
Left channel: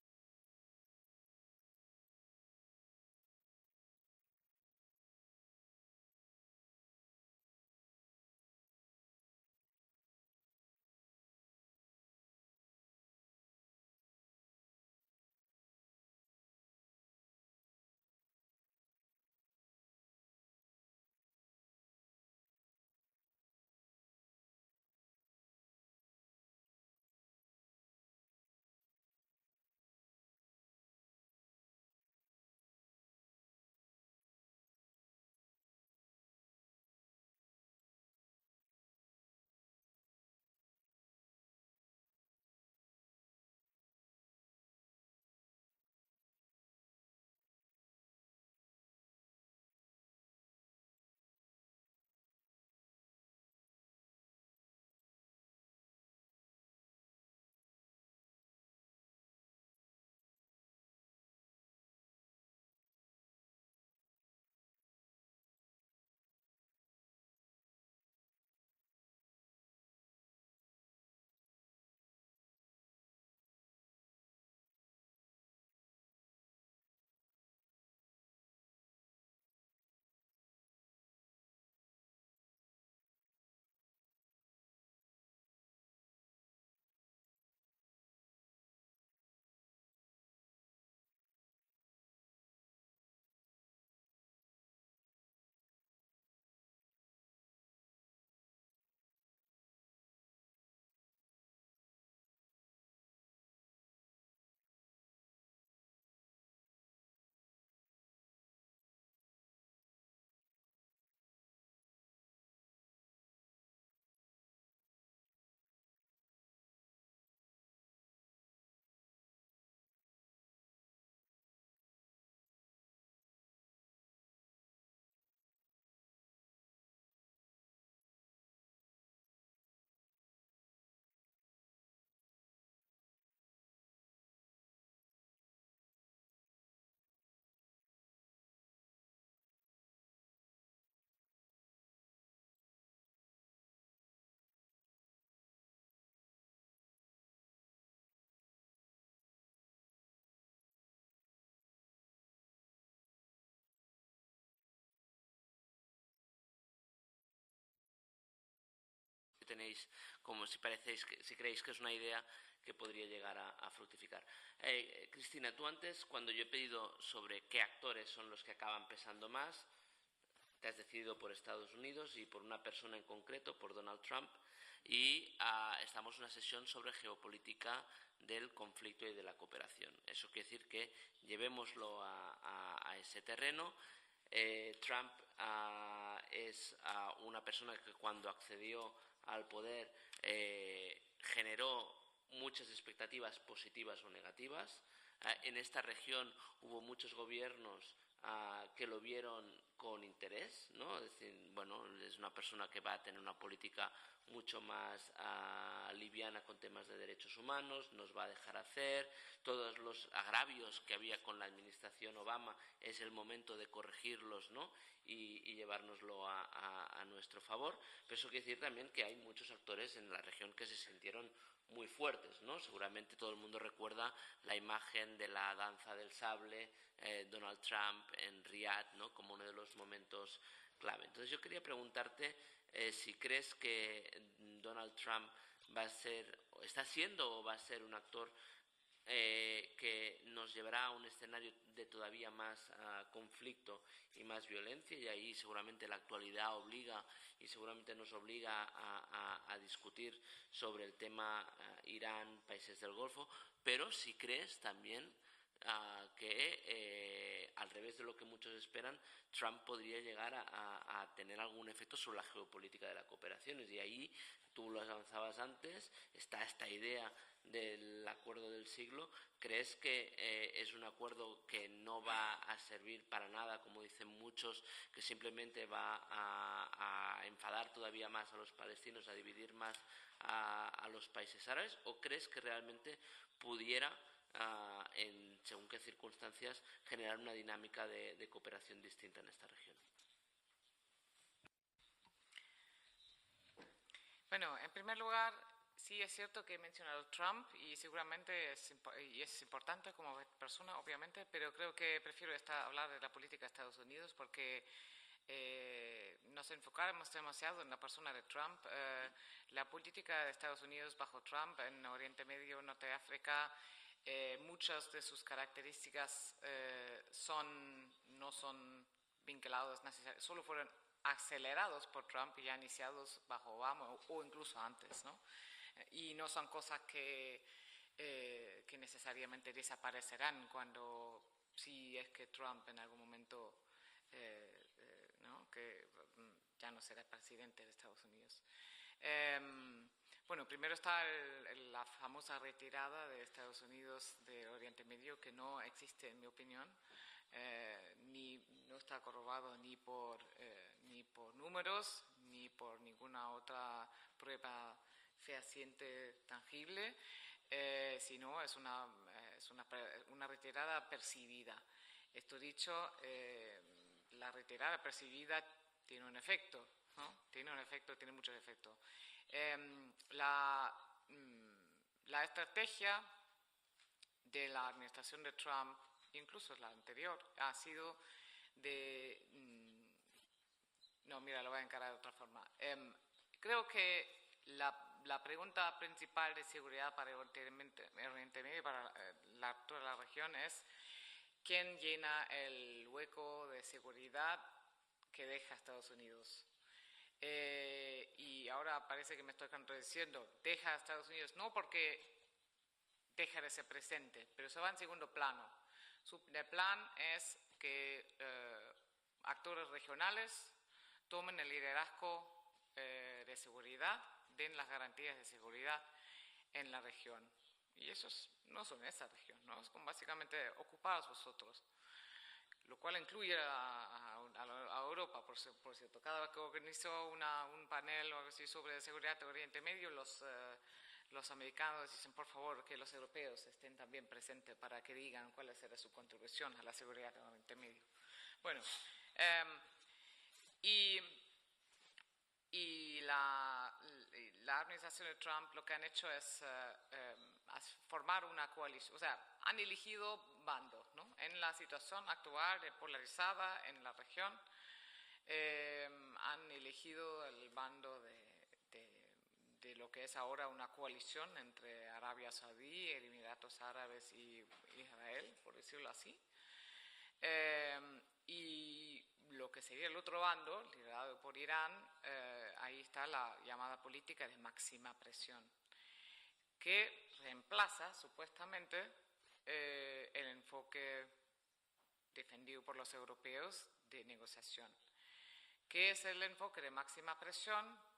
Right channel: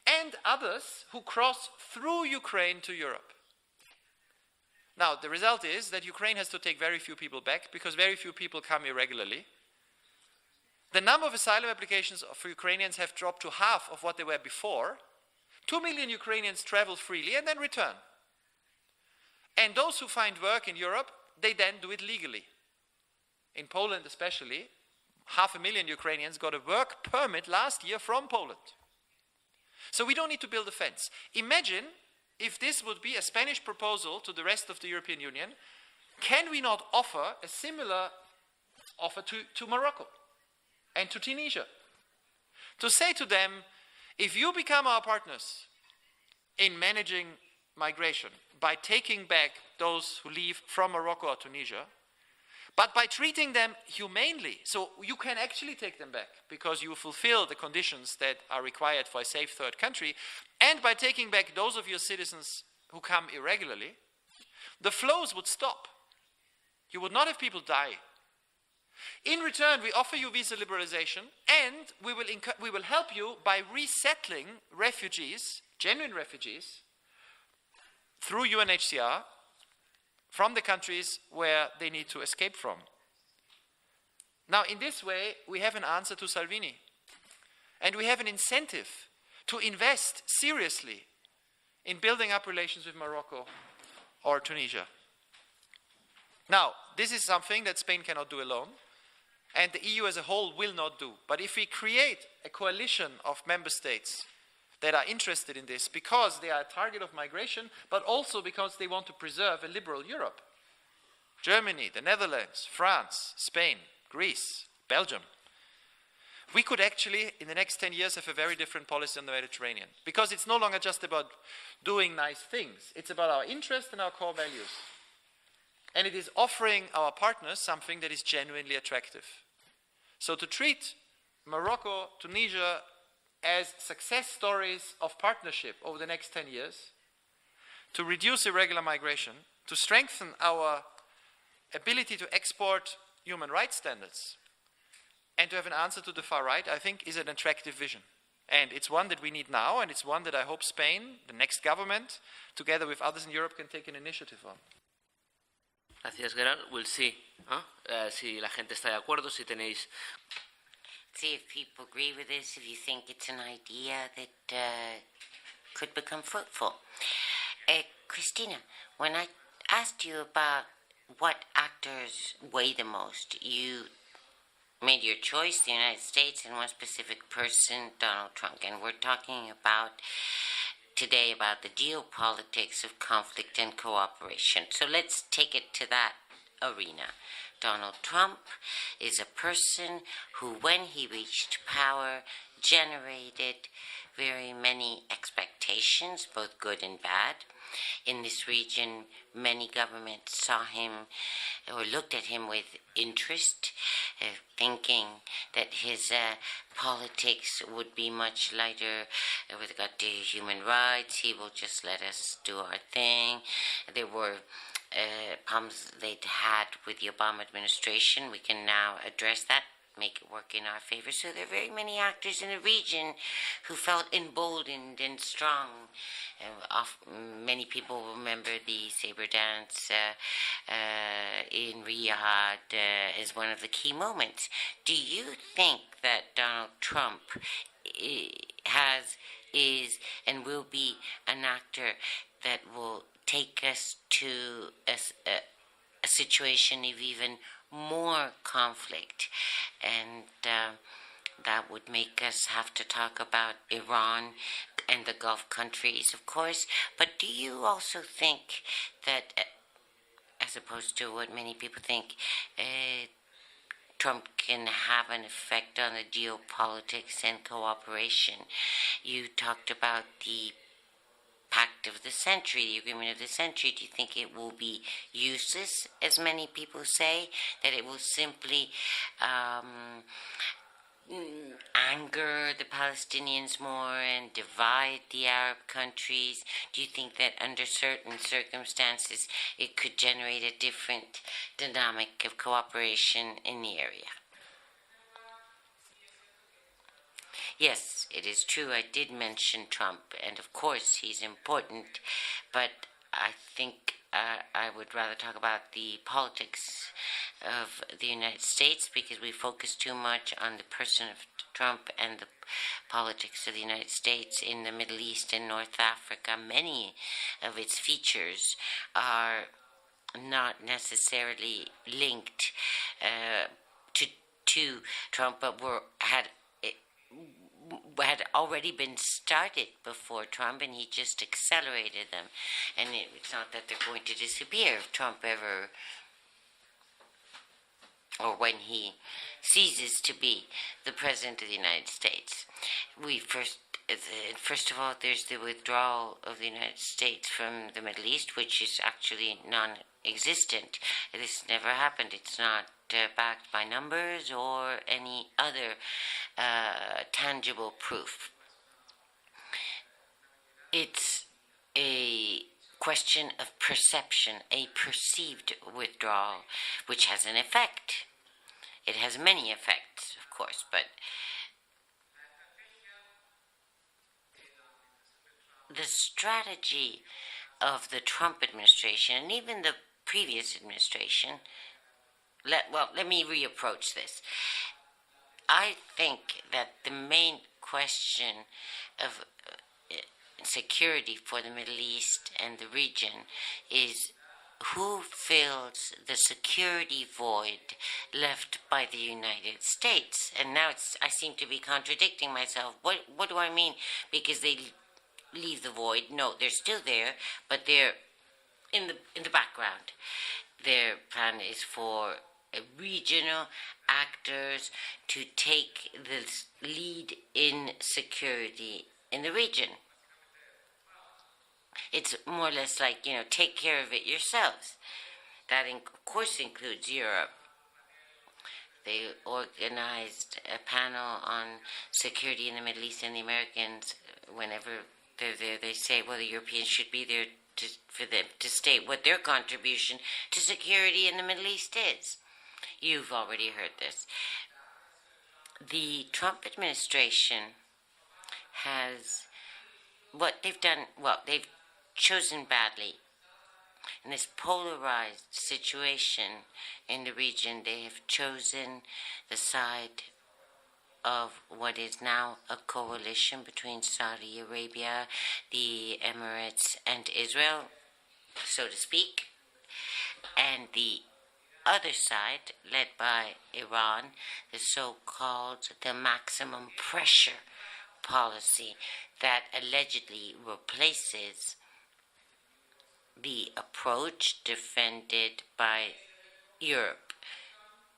and others who cross through Ukraine to Europe. Now, the result is that Ukraine has to take very few people back because very few people come irregularly. The number of asylum applications for Ukrainians have dropped to half of what they were before. 2 million Ukrainians travel freely and then return. And those who find work in Europe, they then do it legally. In Poland especially, 500,000 Ukrainians got a work permit last year from Poland. So we don't need to build a fence. Imagine if this would be a Spanish proposal to the rest of the European Union. Can we not offer a similar offer to Morocco and to Tunisia? To say to them, if you become our partners in managing migration by taking back those who leave from Morocco or Tunisia, but by treating them humanely, so you can actually take them back because you fulfill the conditions that are required for a safe third country, and by taking back those of your citizens who come irregularly, the flows would stop. You would not have people die. In return, we offer you visa liberalization, and we will help you by resettling refugees, genuine refugees, through UNHCR, from the countries where they need to escape from. Now, in this way, we have an answer to Salvini. And we have an incentive to invest seriously in building up relations with Morocco or Tunisia. Now, this is something that Spain cannot do alone, and the EU as a whole will not do. But if we create a coalition of member states that are interested in this because they are a target of migration, but also because they want to preserve a liberal Europe. Germany, the Netherlands, France, Spain, Greece, Belgium. We could actually, in the next 10 years, have a very different policy on the Mediterranean. Because it's no longer just about doing nice things. It's about our interests and our core values. And it is offering our partners something that is genuinely attractive. So to treat Morocco, Tunisia, as success stories of partnership over the next 10 years, to reduce irregular migration, to strengthen our ability to export human rights standards, and to have an answer to the far right, I think is an attractive vision. And it's one that we need now, and it's one that I hope Spain, the next government, together with others in Europe, can take an initiative on. Gracias, Gerald. We'll see. Si la gente está de acuerdo, si tenéis, como si parecéis que See if creéis que es people una agree idea with this, if you que think podría it's an llegar a idea that Cristina, tú antes could become cuando te he fruitful. pedido sobre qué actores son los que Christina, estaban when I pesando más, asked you about has decidido por what Estados Unidos y actors por weigh the en most, concreto por you Donald Trump. made your choice, the United States, and one specific person, Donald Trump. And we're talking about today about the geopolitics of conflict and cooperation. So let's take it to that arena. Donald Trump is a person who, when he reached power, generated very many expectations, both good and bad. In this region, many governments saw him or looked at him with interest, thinking that his politics would be much lighter with regard to human rights. He will just let us do our thing. There were problems they'd had with the Obama administration. We can now address that, make it work in our favor. So there are very many actors in the region who felt emboldened and strong. Many people remember the saber dance in Riyadh as one of the key moments. Do you think that Donald Trump is and will be an actor that will take us to a situation of even more conflict, and that would make us have to talk about Iran and the Gulf countries, of course, but do you also think that, as opposed to what many people think, Trump can have an effect on the geopolitics and cooperation. You talked about the pact of the century, the agreement of the century. Do you think it will be useless, as many people say, that it will simply anger the Palestinians more and divide the Arab countries? Do you think that under certain circumstances it could generate a different dynamic of cooperation in the area? Yes, it is true. I did mention Trump, and of course he's important, but I think I would rather talk about the politics of the United States, because we focus too much on the person of Trump and the politics of the United States in the Middle East and North Africa. Many of its features are not necessarily linked to Trump, but had already been started before Trump, and he just accelerated them. And it's not that they're going to disappear if Trump ever, or when he ceases to be the President of the United States. First of all, there's the withdrawal of the United States from the Middle East, which is actually non-existent. This never happened. It's not backed by numbers or any other tangible proof. It's a question of perception, a perceived withdrawal, which has an effect. It has many effects, of course, but the strategy of the Trump administration, and even the previous administration, let me reapproach this. I think that the main question of security for the Middle East and the region is who fills the security void left by the United States. And now I seem to be contradicting myself. What do I mean? Because they leave the void. No, they're still there, but they're in the background. Their plan is for regional actors to take the lead in security in the region. It's more or less like, take care of it yourselves. That, of course, includes Europe. They organized a panel on security in the Middle East, and the Americans, whenever they're there, they say, well, the Europeans should be there for them to state what their contribution to security in the Middle East is. You've already heard this. The Trump administration has, what they've done, they've chosen badly. In this polarized situation in the region, they have chosen the side of what is now a coalition between Saudi Arabia, the Emirates, and Israel, so to speak, and the other side, led by Iran, the so-called the maximum pressure policy that allegedly replaces the approach defended by Europe,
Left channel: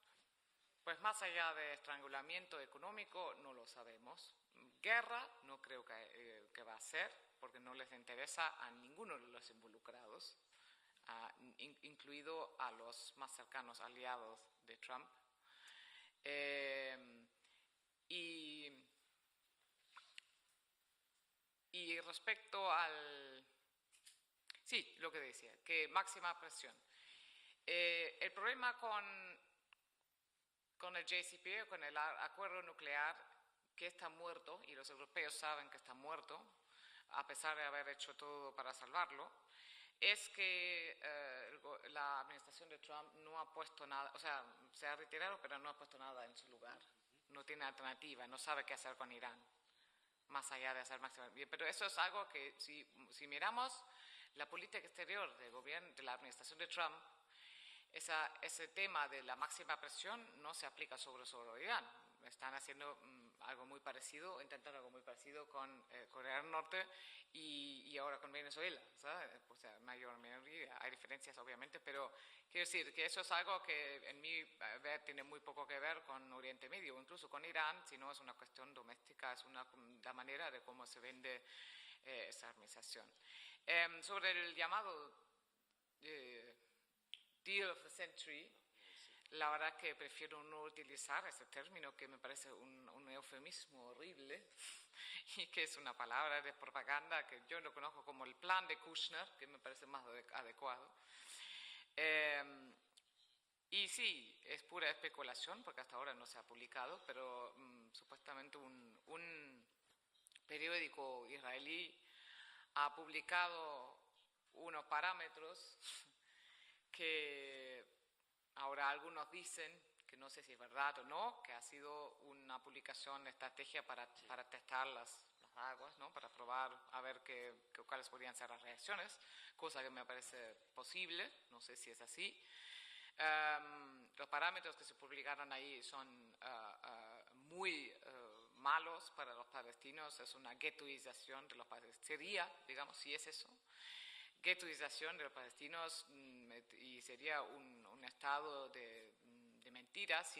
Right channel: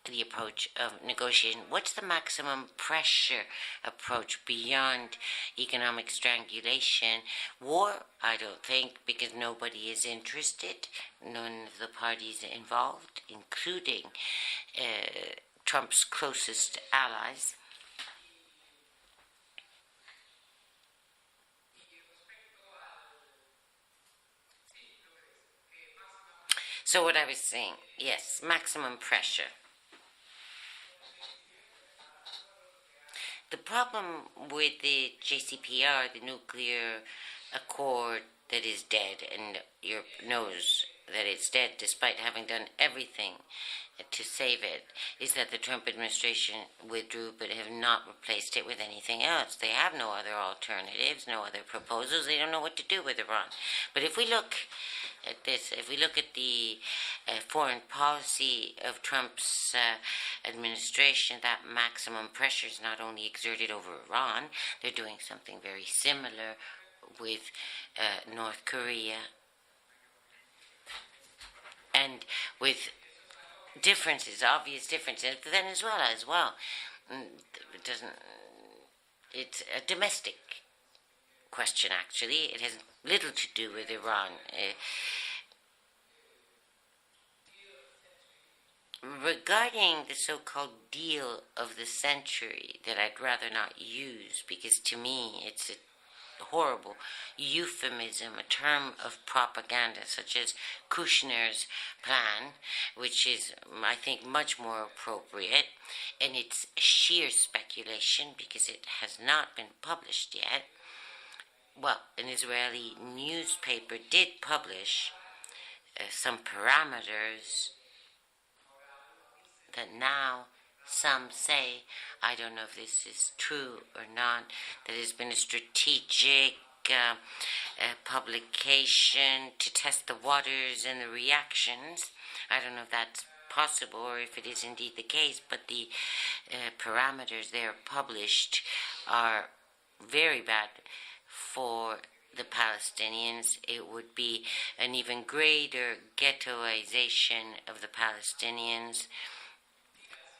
the approach of negotiation. What's the maximum pressure approach beyond economic strangulation? War, I don't think, because nobody is interested, none of the parties involved, including Trump's closest allies. So what I was saying, yes, maximum pressure. The problem with the JCPR, the nuclear accord that is dead, and Europe knows that it's dead despite having done everything to save it, is that the Trump administration withdrew but have not replaced it with anything else. They have no other alternatives, no other proposals. They don't know what to do with Iran. But if we look at this, if we look at the foreign policy of Trump's administration, that maximum pressure is not only exerted over Iran, they're doing something very similar with North Korea and with differences, obvious differences. Venezuela as well. It doesn't. It's a domestic question, actually. It has little to do with Iran. Regarding the so-called deal of the century that I'd rather not use, because to me it's a horrible euphemism, a term of propaganda, such as Kushner's plan, which is, I think, much more appropriate, and it's sheer speculation because it has not been published yet. Well, an Israeli newspaper did publish some parameters that now some say, I don't know if this is true or not, that there's been a strategic publication to test the waters and the reactions. I don't know if that's possible or if it is indeed the case, but the parameters there published are very bad for the Palestinians. It would be an even greater ghettoization of the Palestinians,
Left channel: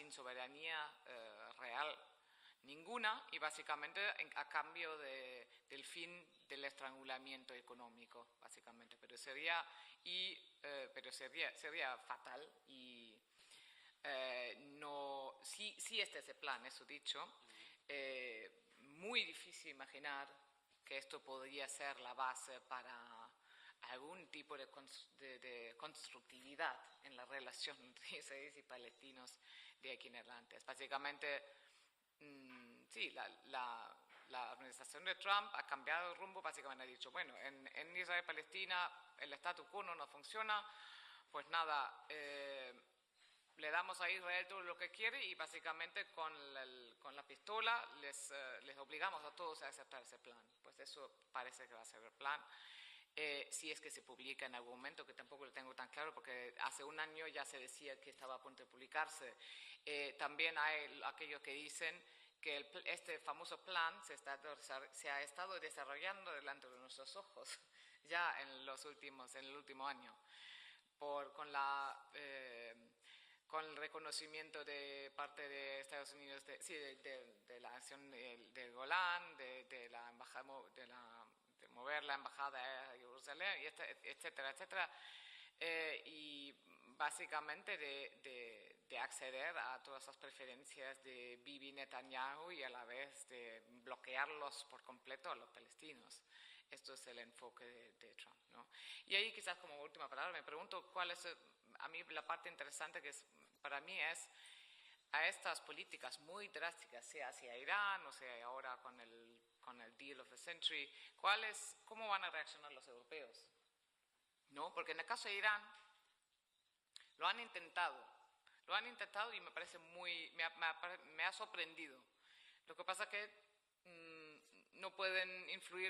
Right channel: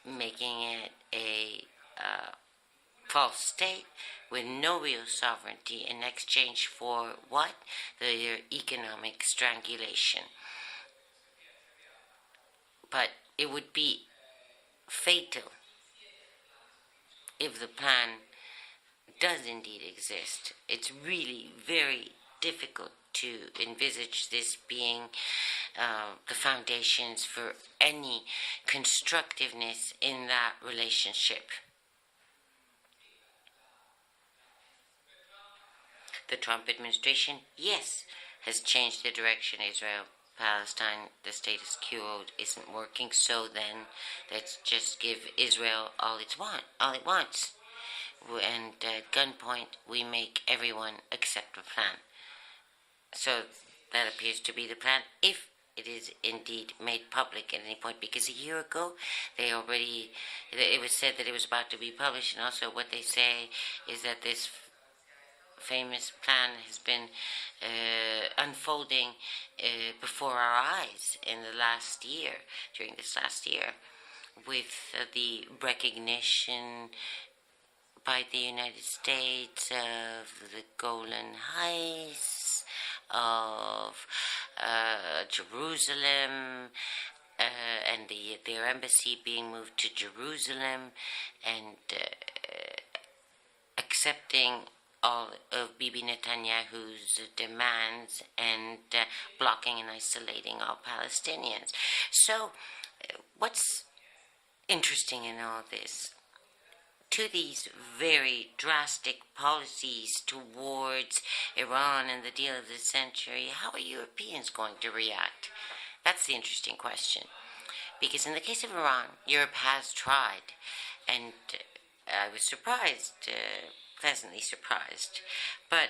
making it a false state with no real sovereignty in exchange for what? Their economic strangulation. But it would be fatal if the plan does indeed exist. It's really very difficult to envisage this being the foundations for any constructiveness in that relationship. The Trump administration, yes, has changed the direction of Israel. Palestine, the status quo isn't working, so then let's just give Israel all it wants. And at gunpoint, we make everyone accept the plan. So that appears to be the plan, if it is indeed made public at any point, because a year ago it was said that it was about to be published, and also what they say is that this famous plan has been unfolding before our eyes during this last year, with the recognition by the United States of the Golan Heights, of Jerusalem, and their embassy being moved to Jerusalem, and accepting all of Bibi Netanyahu's demands and blocking and isolating all Palestinians. So, what's interesting in all this? To these very drastic policies towards Iran and the deal of the century, how are Europeans going to react? That's the interesting question. Because in the case of Iran, Europe has tried, and I was surprised, pleasantly surprised, but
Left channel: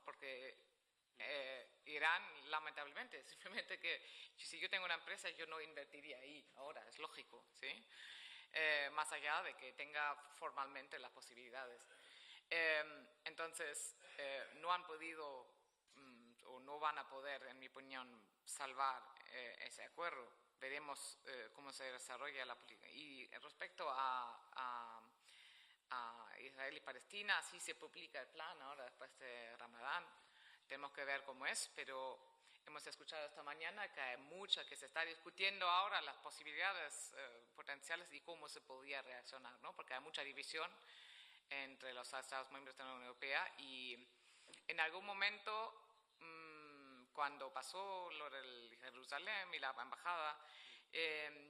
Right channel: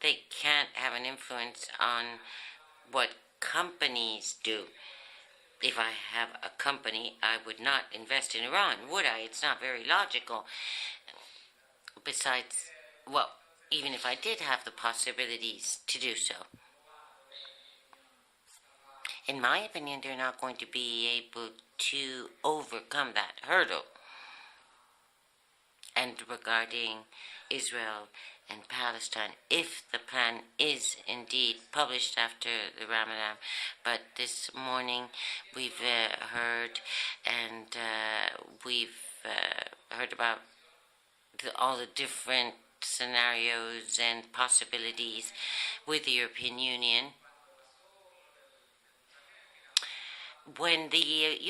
they can't have an influence on what companies do. If I have a company, I would not invest in Iran, would I? It's not very logical. Besides, well, even if I did have the possibilities to do so, in my opinion, they're not going to be able to overcome that hurdle. And regarding Israel and Palestine, if the plan is indeed published after the Ramadan, but this morning we've heard about all the different scenarios and possibilities with the European Union. When the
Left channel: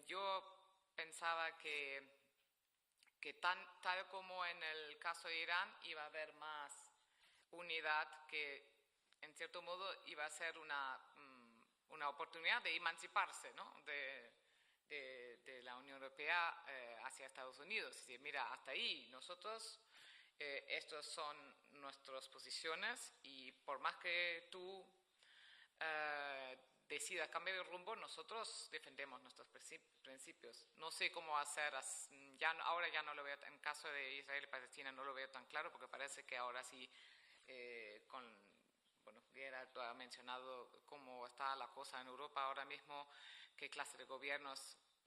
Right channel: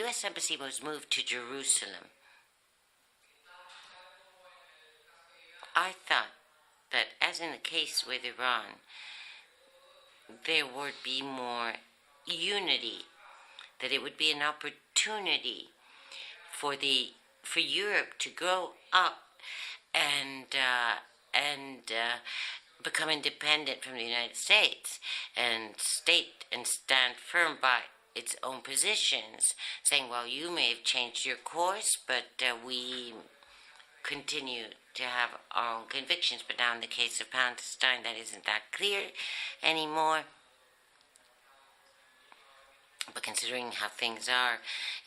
U.S. Embassy was moved to Jerusalem, I thought that, as in the case with Iran, there would be more unity, that it would be an opportunity for Europe to grow up and become independent from the United States and stand firm by its own positions, saying, well, you may have changed your course, but we continue to have our own convictions. But now in the case of Palestine, that isn't that clear anymore. considering how things are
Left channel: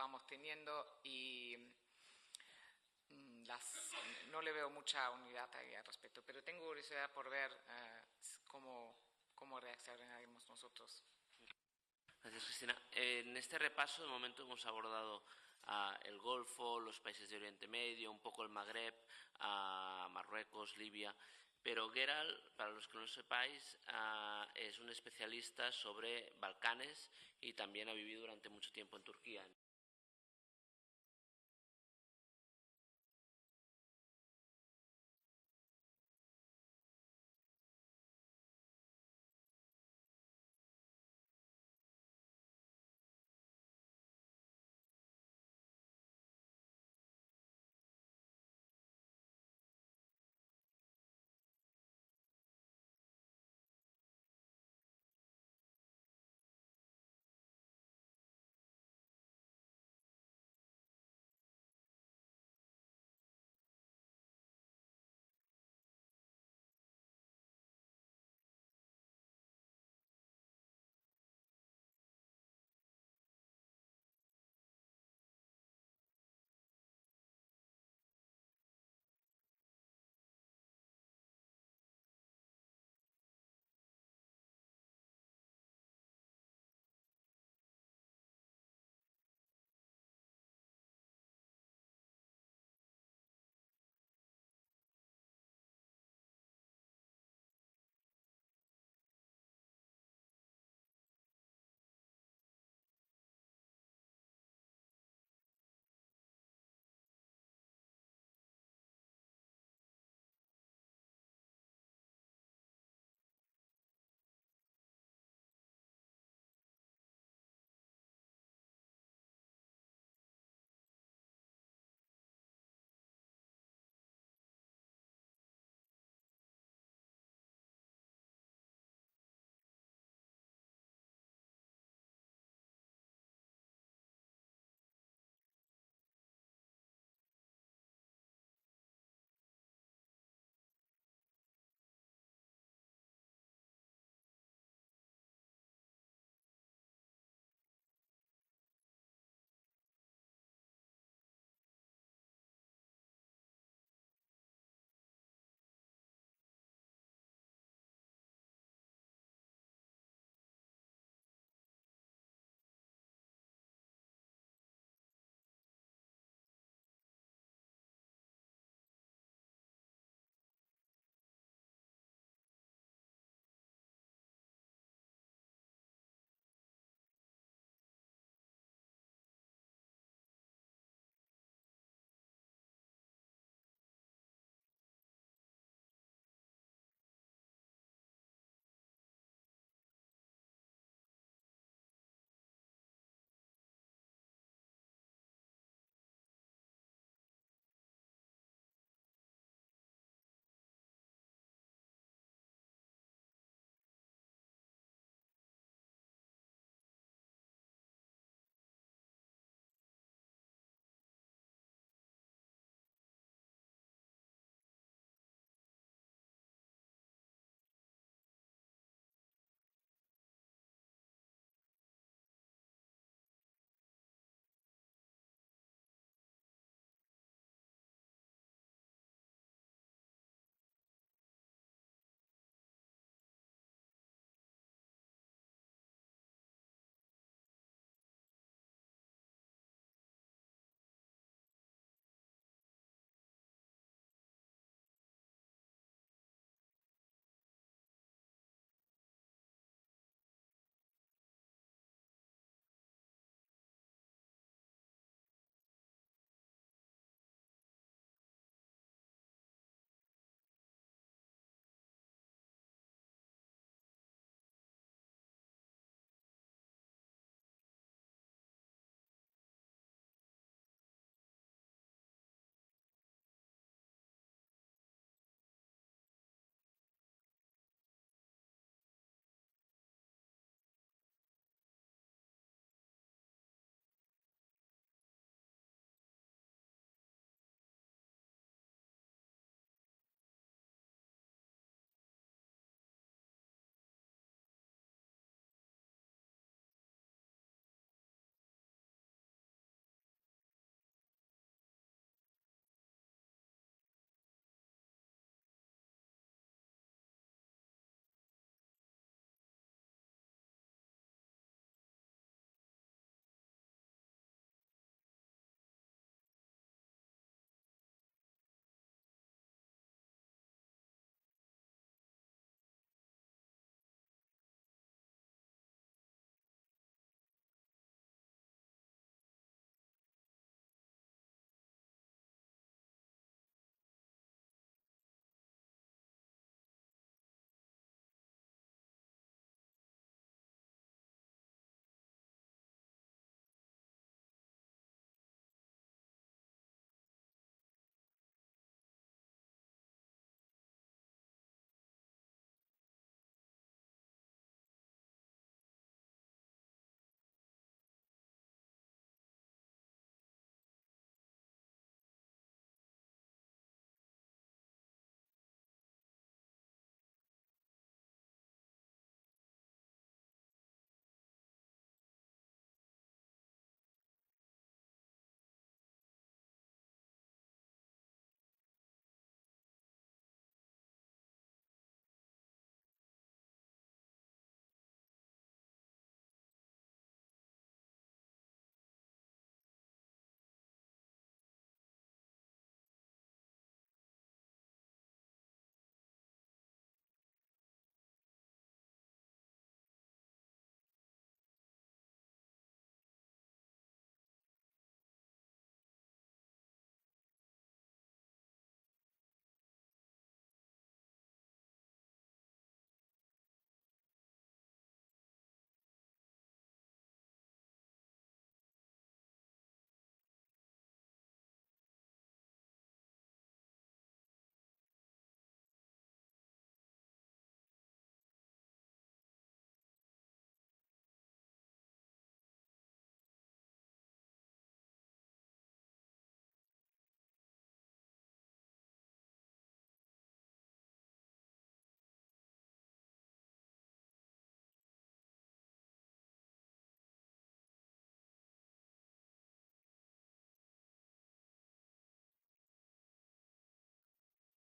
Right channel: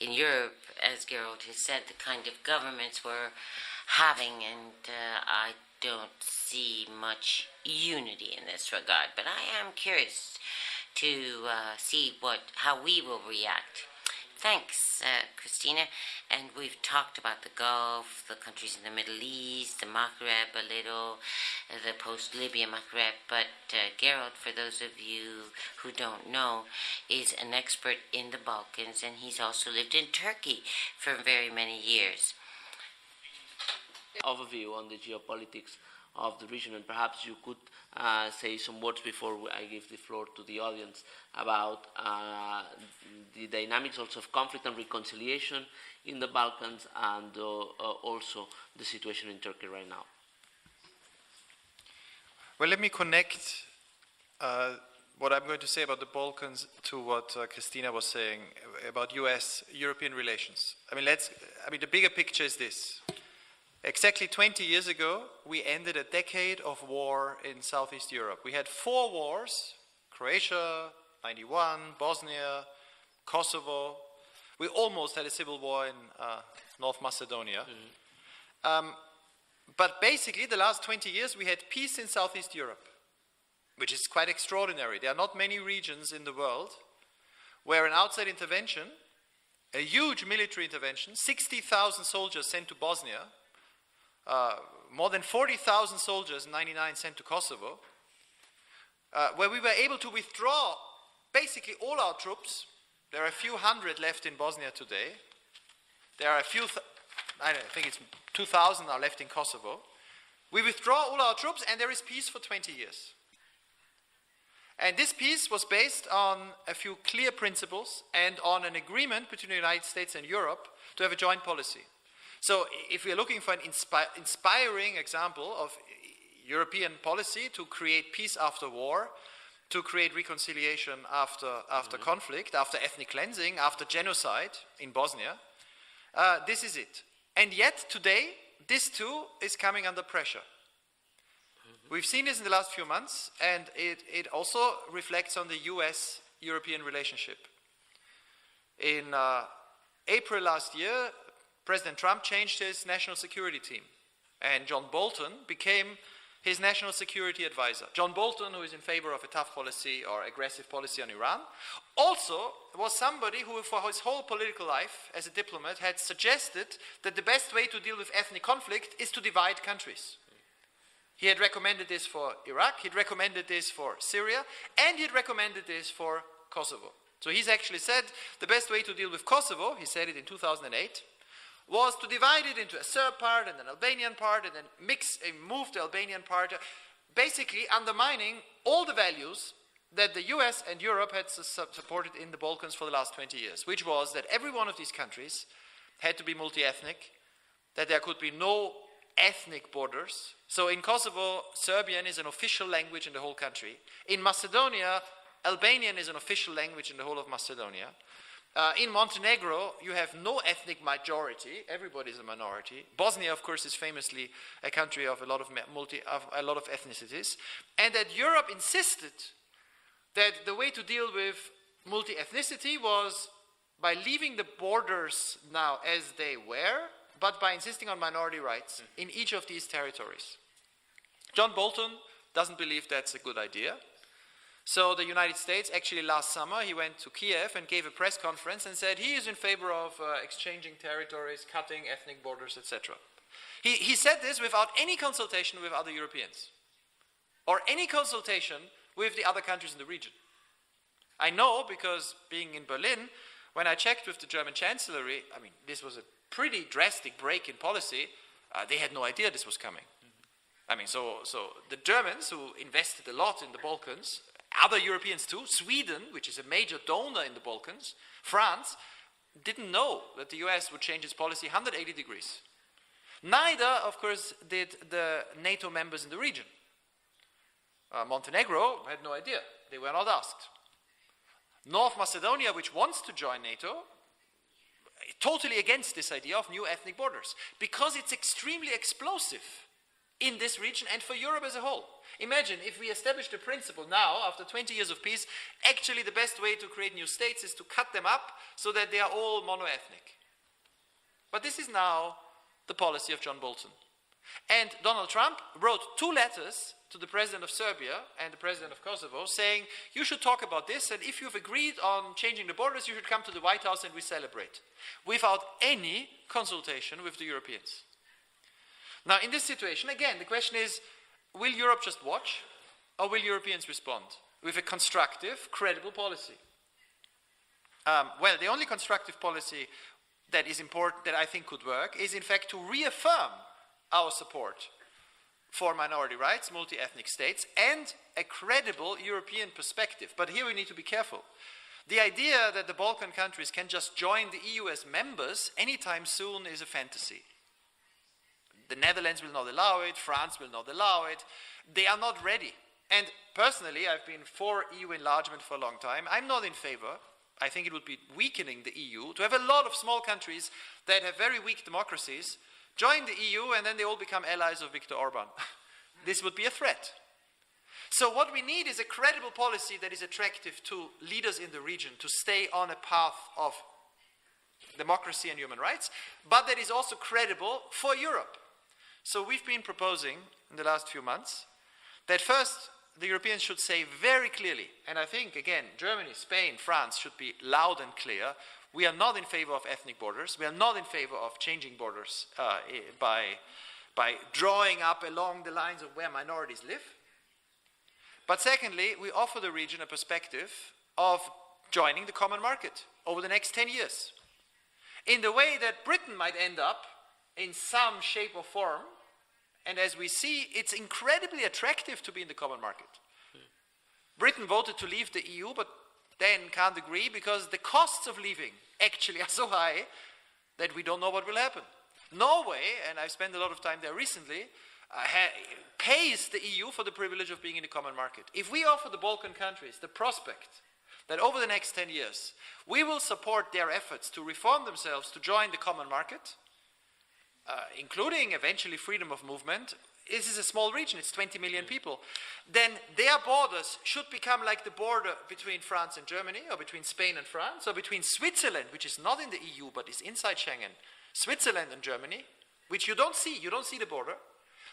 in Europe, as Gerald has said, the kind of governments we're having, and I don't see much unity in this regard. But I am curious to see how we will react. Thanks, Kristina. And we've talked about the Gulf, the countries in the Middle East, the Maghreb a little, the post-Libya Maghreb. But Gerald, for those of you who don't know, is an expert in the Balkans, and he's also lived in Turkey for very many years. Overview on the geopolitics of the region, and perhaps you could say some words before I give the floor to the audience about the dynamics also of conflict and reconciliation in the Balkans, and also the situation in Turkey right now. Well, let me connect what I'm going to say about the Balkans to what Kristina was saying about US-European relations. The bigger picture is this. Exactly 20 years ago, we ended a decade of war in Southeast Europe. We had 4 wars: Croatia, 91, Bosnia, Kosovo. We almost had a civil war in North Macedonia. But basically, the last 20 years, we had peace in Southeast Europe, which is quite extraordinary. There are not many regions in the world where an outside intervention, a huge military intervention, 60,000 soldiers sent to Bosnia, more than 40,000 soldiers in 99 sent to Kosovo, where we were able to withdraw basically all our troops. There are a few hundred left in Bosnia today. There are a few, I think it's 2,000 are left in Kosovo. We withdraw all our troops and there is peace for 20 years. And this peace was based on a few clear principles and on an agreement between the United States and Europe to have a joint policy. So if we're looking for an inspiring example of European policy to create peace after war, to create reconciliation after conflict, after ethnic cleansing, after genocide in Bosnia, this is it. And yet today, this too is coming under pressure. We've seen this in the last few months, and it also reflects on the US-European relationship. In April last year, President Trump changed his national security team, and John Bolton became his national security advisor. John Bolton, who is in favor of a tough policy or aggressive policy on Iran, also was somebody who for his whole political life as a diplomat had suggested that the best way to deal with ethnic conflict is to divide countries. He had recommended this for Iraq, he'd recommended this for Syria, and he'd recommended this for Kosovo. So he's actually said the best way to deal with Kosovo, he said it in 2008, was to divide it into a Serb part and an Albanian part and then move the Albanian part, basically undermining all the values that the US and Europe had supported in the Balkans for the last 20 years, which was that every one of these countries had to be multi-ethnic, that there could be no ethnic borders. So in Kosovo, Serbian is an official language in the whole country. In Macedonia, Albanian is an official language in the whole of Macedonia. In Montenegro, you have no ethnic majority. Everybody is a minority. Bosnia, of course, is famously a country of a lot of ethnicities. And that Europe insisted that the way to deal with multi-ethnicity was by leaving the borders now as they were, but by insisting on minority rights in each of these territories. John Bolton doesn't believe that's a good idea. So the United States, actually last summer, he went to Kiev and gave a press conference and said he is in favor of exchanging territories, cutting ethnic borders, etc. He said this without any consultation with other Europeans or any consultation with the other countries in the region. I know because being in Berlin, when I checked with the German Chancellery, this was a pretty drastic break in policy. They had no idea this was coming. So the Germans, who invested a lot in the Balkans, other Europeans too, Sweden, which is a major donor in the Balkans, France, didn't know that the US would change its policy 180 degrees. Neither, of course, did the NATO members in the region. Montenegro had no idea. They were not asked. North Macedonia, which wants to join NATO, totally against this idea of new ethnic borders, because it's extremely explosive in this region and for Europe as a whole. Imagine if we established a principle now, after 20 years of peace, actually the best way to create new states is to cut them up so that they are all mono-ethnic. But this is now the policy of John Bolton. And Donald Trump wrote 2 letters to the president of Serbia and the president of Kosovo saying, you should talk about this, and if you've agreed on changing the borders, you should come to the White House and we celebrate, without any consultation with the Europeans. Now, in this situation, again, the question is, will Europe just watch, or will Europeans respond with a constructive, credible policy? Well, the only constructive policy that is important, that I think could work, is in fact to reaffirm our support for minority rights, multi-ethnic states, and a credible European perspective. But here we need to be careful. The idea that the Balkan countries can just join the EU as members anytime soon is a fantasy. The Netherlands will not allow it, France will not allow it. They are not ready. And personally, I've been for EU enlargement for a long time. I'm not in favor. I think it would be weakening the EU to have a lot of small countries that have very weak democracies join the EU and then they all become allies of Viktor Orban. This would be a threat. So what we need is a credible policy that is attractive to leaders in the region to stay on a path of democracy and human rights, but that is also credible for Europe. So we've been proposing in the last few months that first the Europeans should say very clearly, and I think again Germany, Spain, France should be loud and clear, we are not in favor of ethnic borders, we are not in favor of changing borders by drawing up along the lines of where minorities live. But secondly, we offer the region a perspective of joining the common market over the next 10 years. In the way that Britain might end up in some shape or form, and as we see, it's incredibly attractive to be in the common market. Britain voted to leave the EU, but then can't agree because the costs of leaving actually are so high that we don't know what will happen. Norway, and I've spent a lot of time there recently, pays the EU for the privilege of being in the common market. If we offer the Balkan countries the prospect that over the next 10 years we will support their efforts to reform themselves to join the common market, including eventually freedom of movement, this is a small region, it's 20 million people, then their borders should become like the border between France and Germany, or between Spain and France, or between Switzerland, which is not in the EU but is inside Schengen, Switzerland and Germany, which you don't see the border,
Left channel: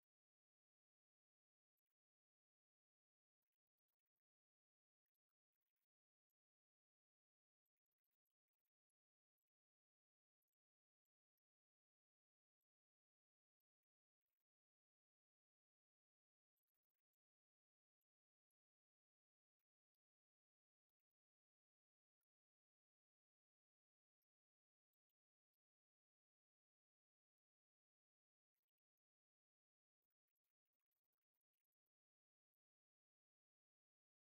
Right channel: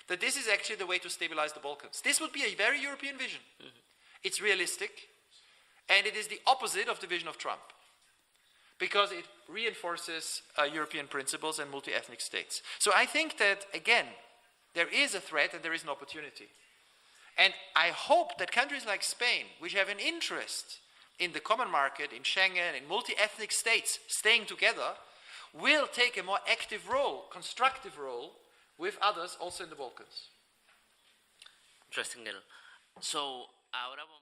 that this is actually the way to stabilize the Balkans. This would be a very European vision. It's realistic, and it is the opposite of the vision of Trump, because it reinforces European principles and multi-ethnic states. So I think that, again, there is a threat and there is an opportunity. And I hope that countries like Spain, which have an interest in the common market, in Schengen, in multi-ethnic states staying together, will take a more active role, constructive role, with others also in the Balkans. Interesting, Neil. So, ahora vamos